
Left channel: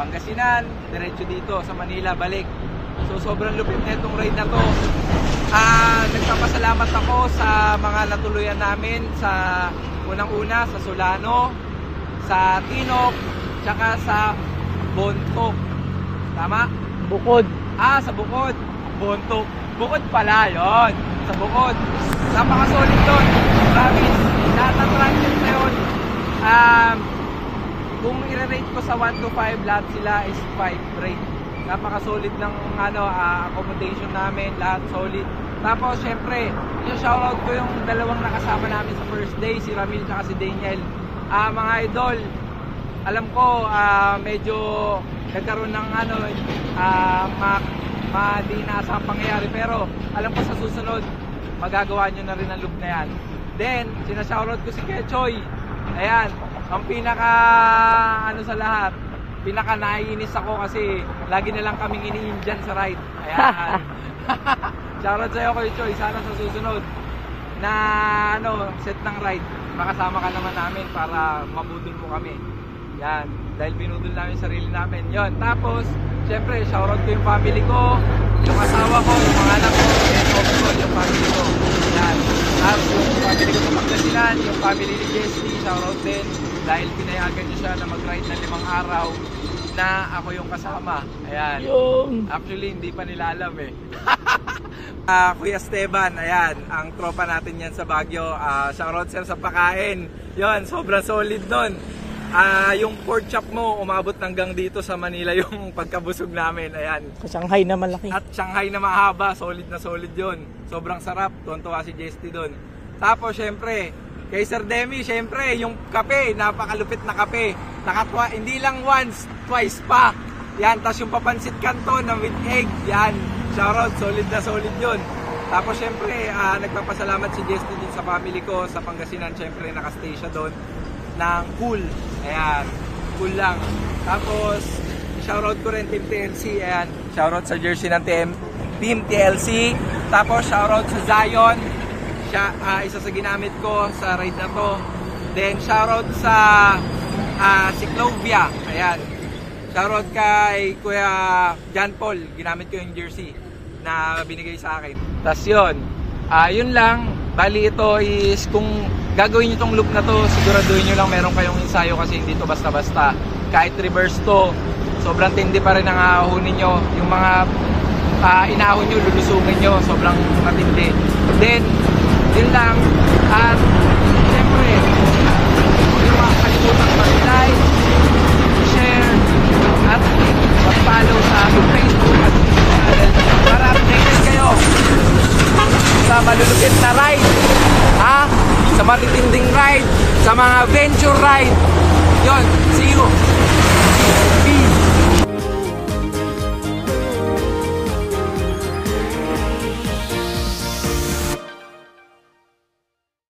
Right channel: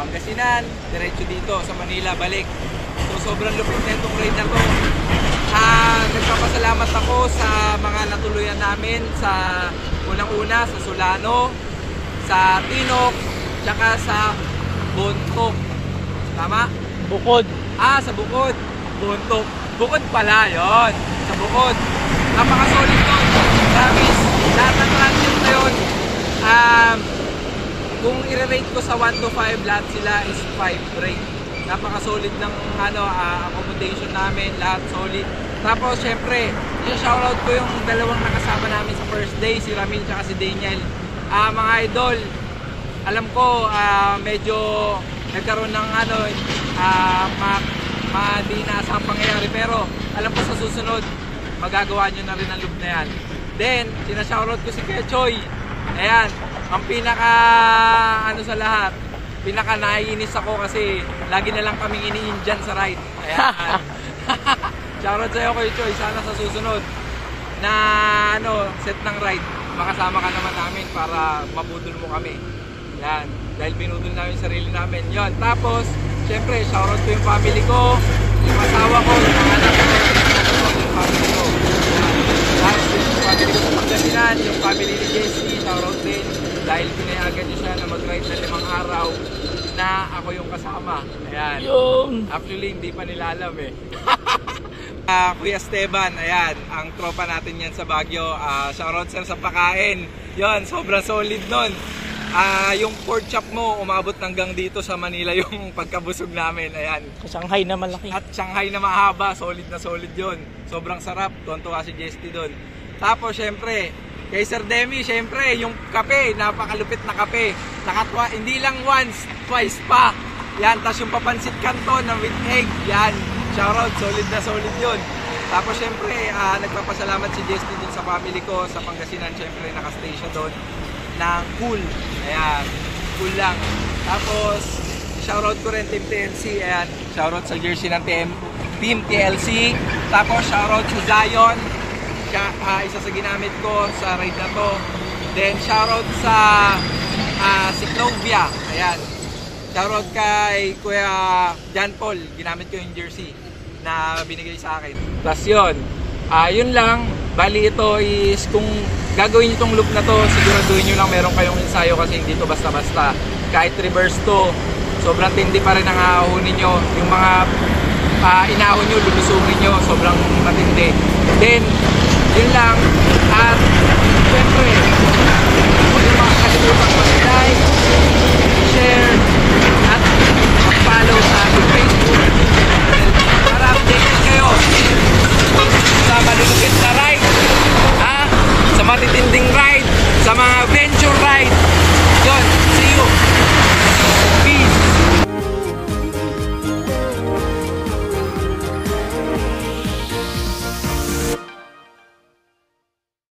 Pangasinan, diretso dito sa Manila, balik. So sobrang lupit na itong ride na to. Nagpapasalamat ako sa mga natuluyan namin sa unang-una, sa Solano, sa Tinok, tsaka sa Bontok. Tama? Bukod. Sa Bukod. Bontok. Bukod pala, yon. Sa Bukod. Napaka-solid doon. Promise. Lahat ng transit na yun, kung i-rate ko sa 1 to 5, lahat sila is 5 rate. Napaka-solid ng accommodation namin, lahat solid. Tapos syempre, shoutout ko yung dalawang nakasama namin sa first day, si Ramil at si Daniel. Mga idol, alam ko medyo nagkaroon ng di inaasahang pangyayari, pero alam ko sa susunod magagawa nyo na rin ang loop na yan. Then, sinashoutout ko si Kechoy. Ayan, ang pinaka sa lahat, pinaka naiinis ako kasi lagi na lang kaming ini-Indian sa ride. Ayan. Shoutout sa'yo Kuya Choy, sana sa susunod na set ng ride, makasama ka naman namin para mabudol mo kami. Yan, dahil binudol namin sarili namin. Yon. Tapos, syempre, shoutout ko yung family ko, yung asawa ko, yung mga anak ko, yung family ko. Yan. Tapos yung family ko sa Pangasinan, yung family ni JST, shoutout din. Dahil pinayagan niya siya na mag-ride na 5 araw na ako yung kasama. Ayan. Actually, hindi pa nila alam eh. Kuya Esteban, ayan, ang tropa natin yan sa Baguio. Shoutout sir sa pakain. Yon, sobrang solid nun. Yung pork chop mo, umabot hanggang dito sa Manila yung pagkabusog namin. Ayan. Sa Shanghai na malaki. At Shanghai na mahaba, solid na solid yun. Sobrang sarap, tuwan-tuwa si JST doon. Tapos syempre, kay Sir Demi, syempre, yung kape, napakalupit na kape. Nakatwa, hindi lang once, twice pa. Yan, tapos yung papansit canton na with egg, yan. Shoutout, solid na solid yun. Tapos syempre, nagpapasalamat si JST din sa family ko, sa Pangasinan, syempre, nakastay siya doon ng cool. Ayan, cool lang. Tapos, shoutout ko rin Team TLC. Ayan, shoutout sa jersey ng Team TLC. Tapos, shoutout sa Zion. Siya, isa sa ginamit ko sa ride na to. Then, shoutout sa si Clovia. Ayan. Shoutout kay Kuya John Paul. Ginamit ko yung jersey na binigay sa akin. Tapos yun. Yun lang. Bali ito is kung gagawin nyo itong loop na to, siguraduhin nyo lang meron kayong ensayo kasi hindi to basta-basta. Kahit reverse to, sobrang tindi pa rin ang ahunin nyo. Yung mga inahon nyo, lulusungin nyo, sobrang matindi. Then, yun lang. At syempre, huwag nyo makakalimutan mag-like, share, at mag-follow sa aking Facebook at channel para updated kayo sa malulupit na ride, sa matitinding ride, sa mga venture ride. Yun, see you!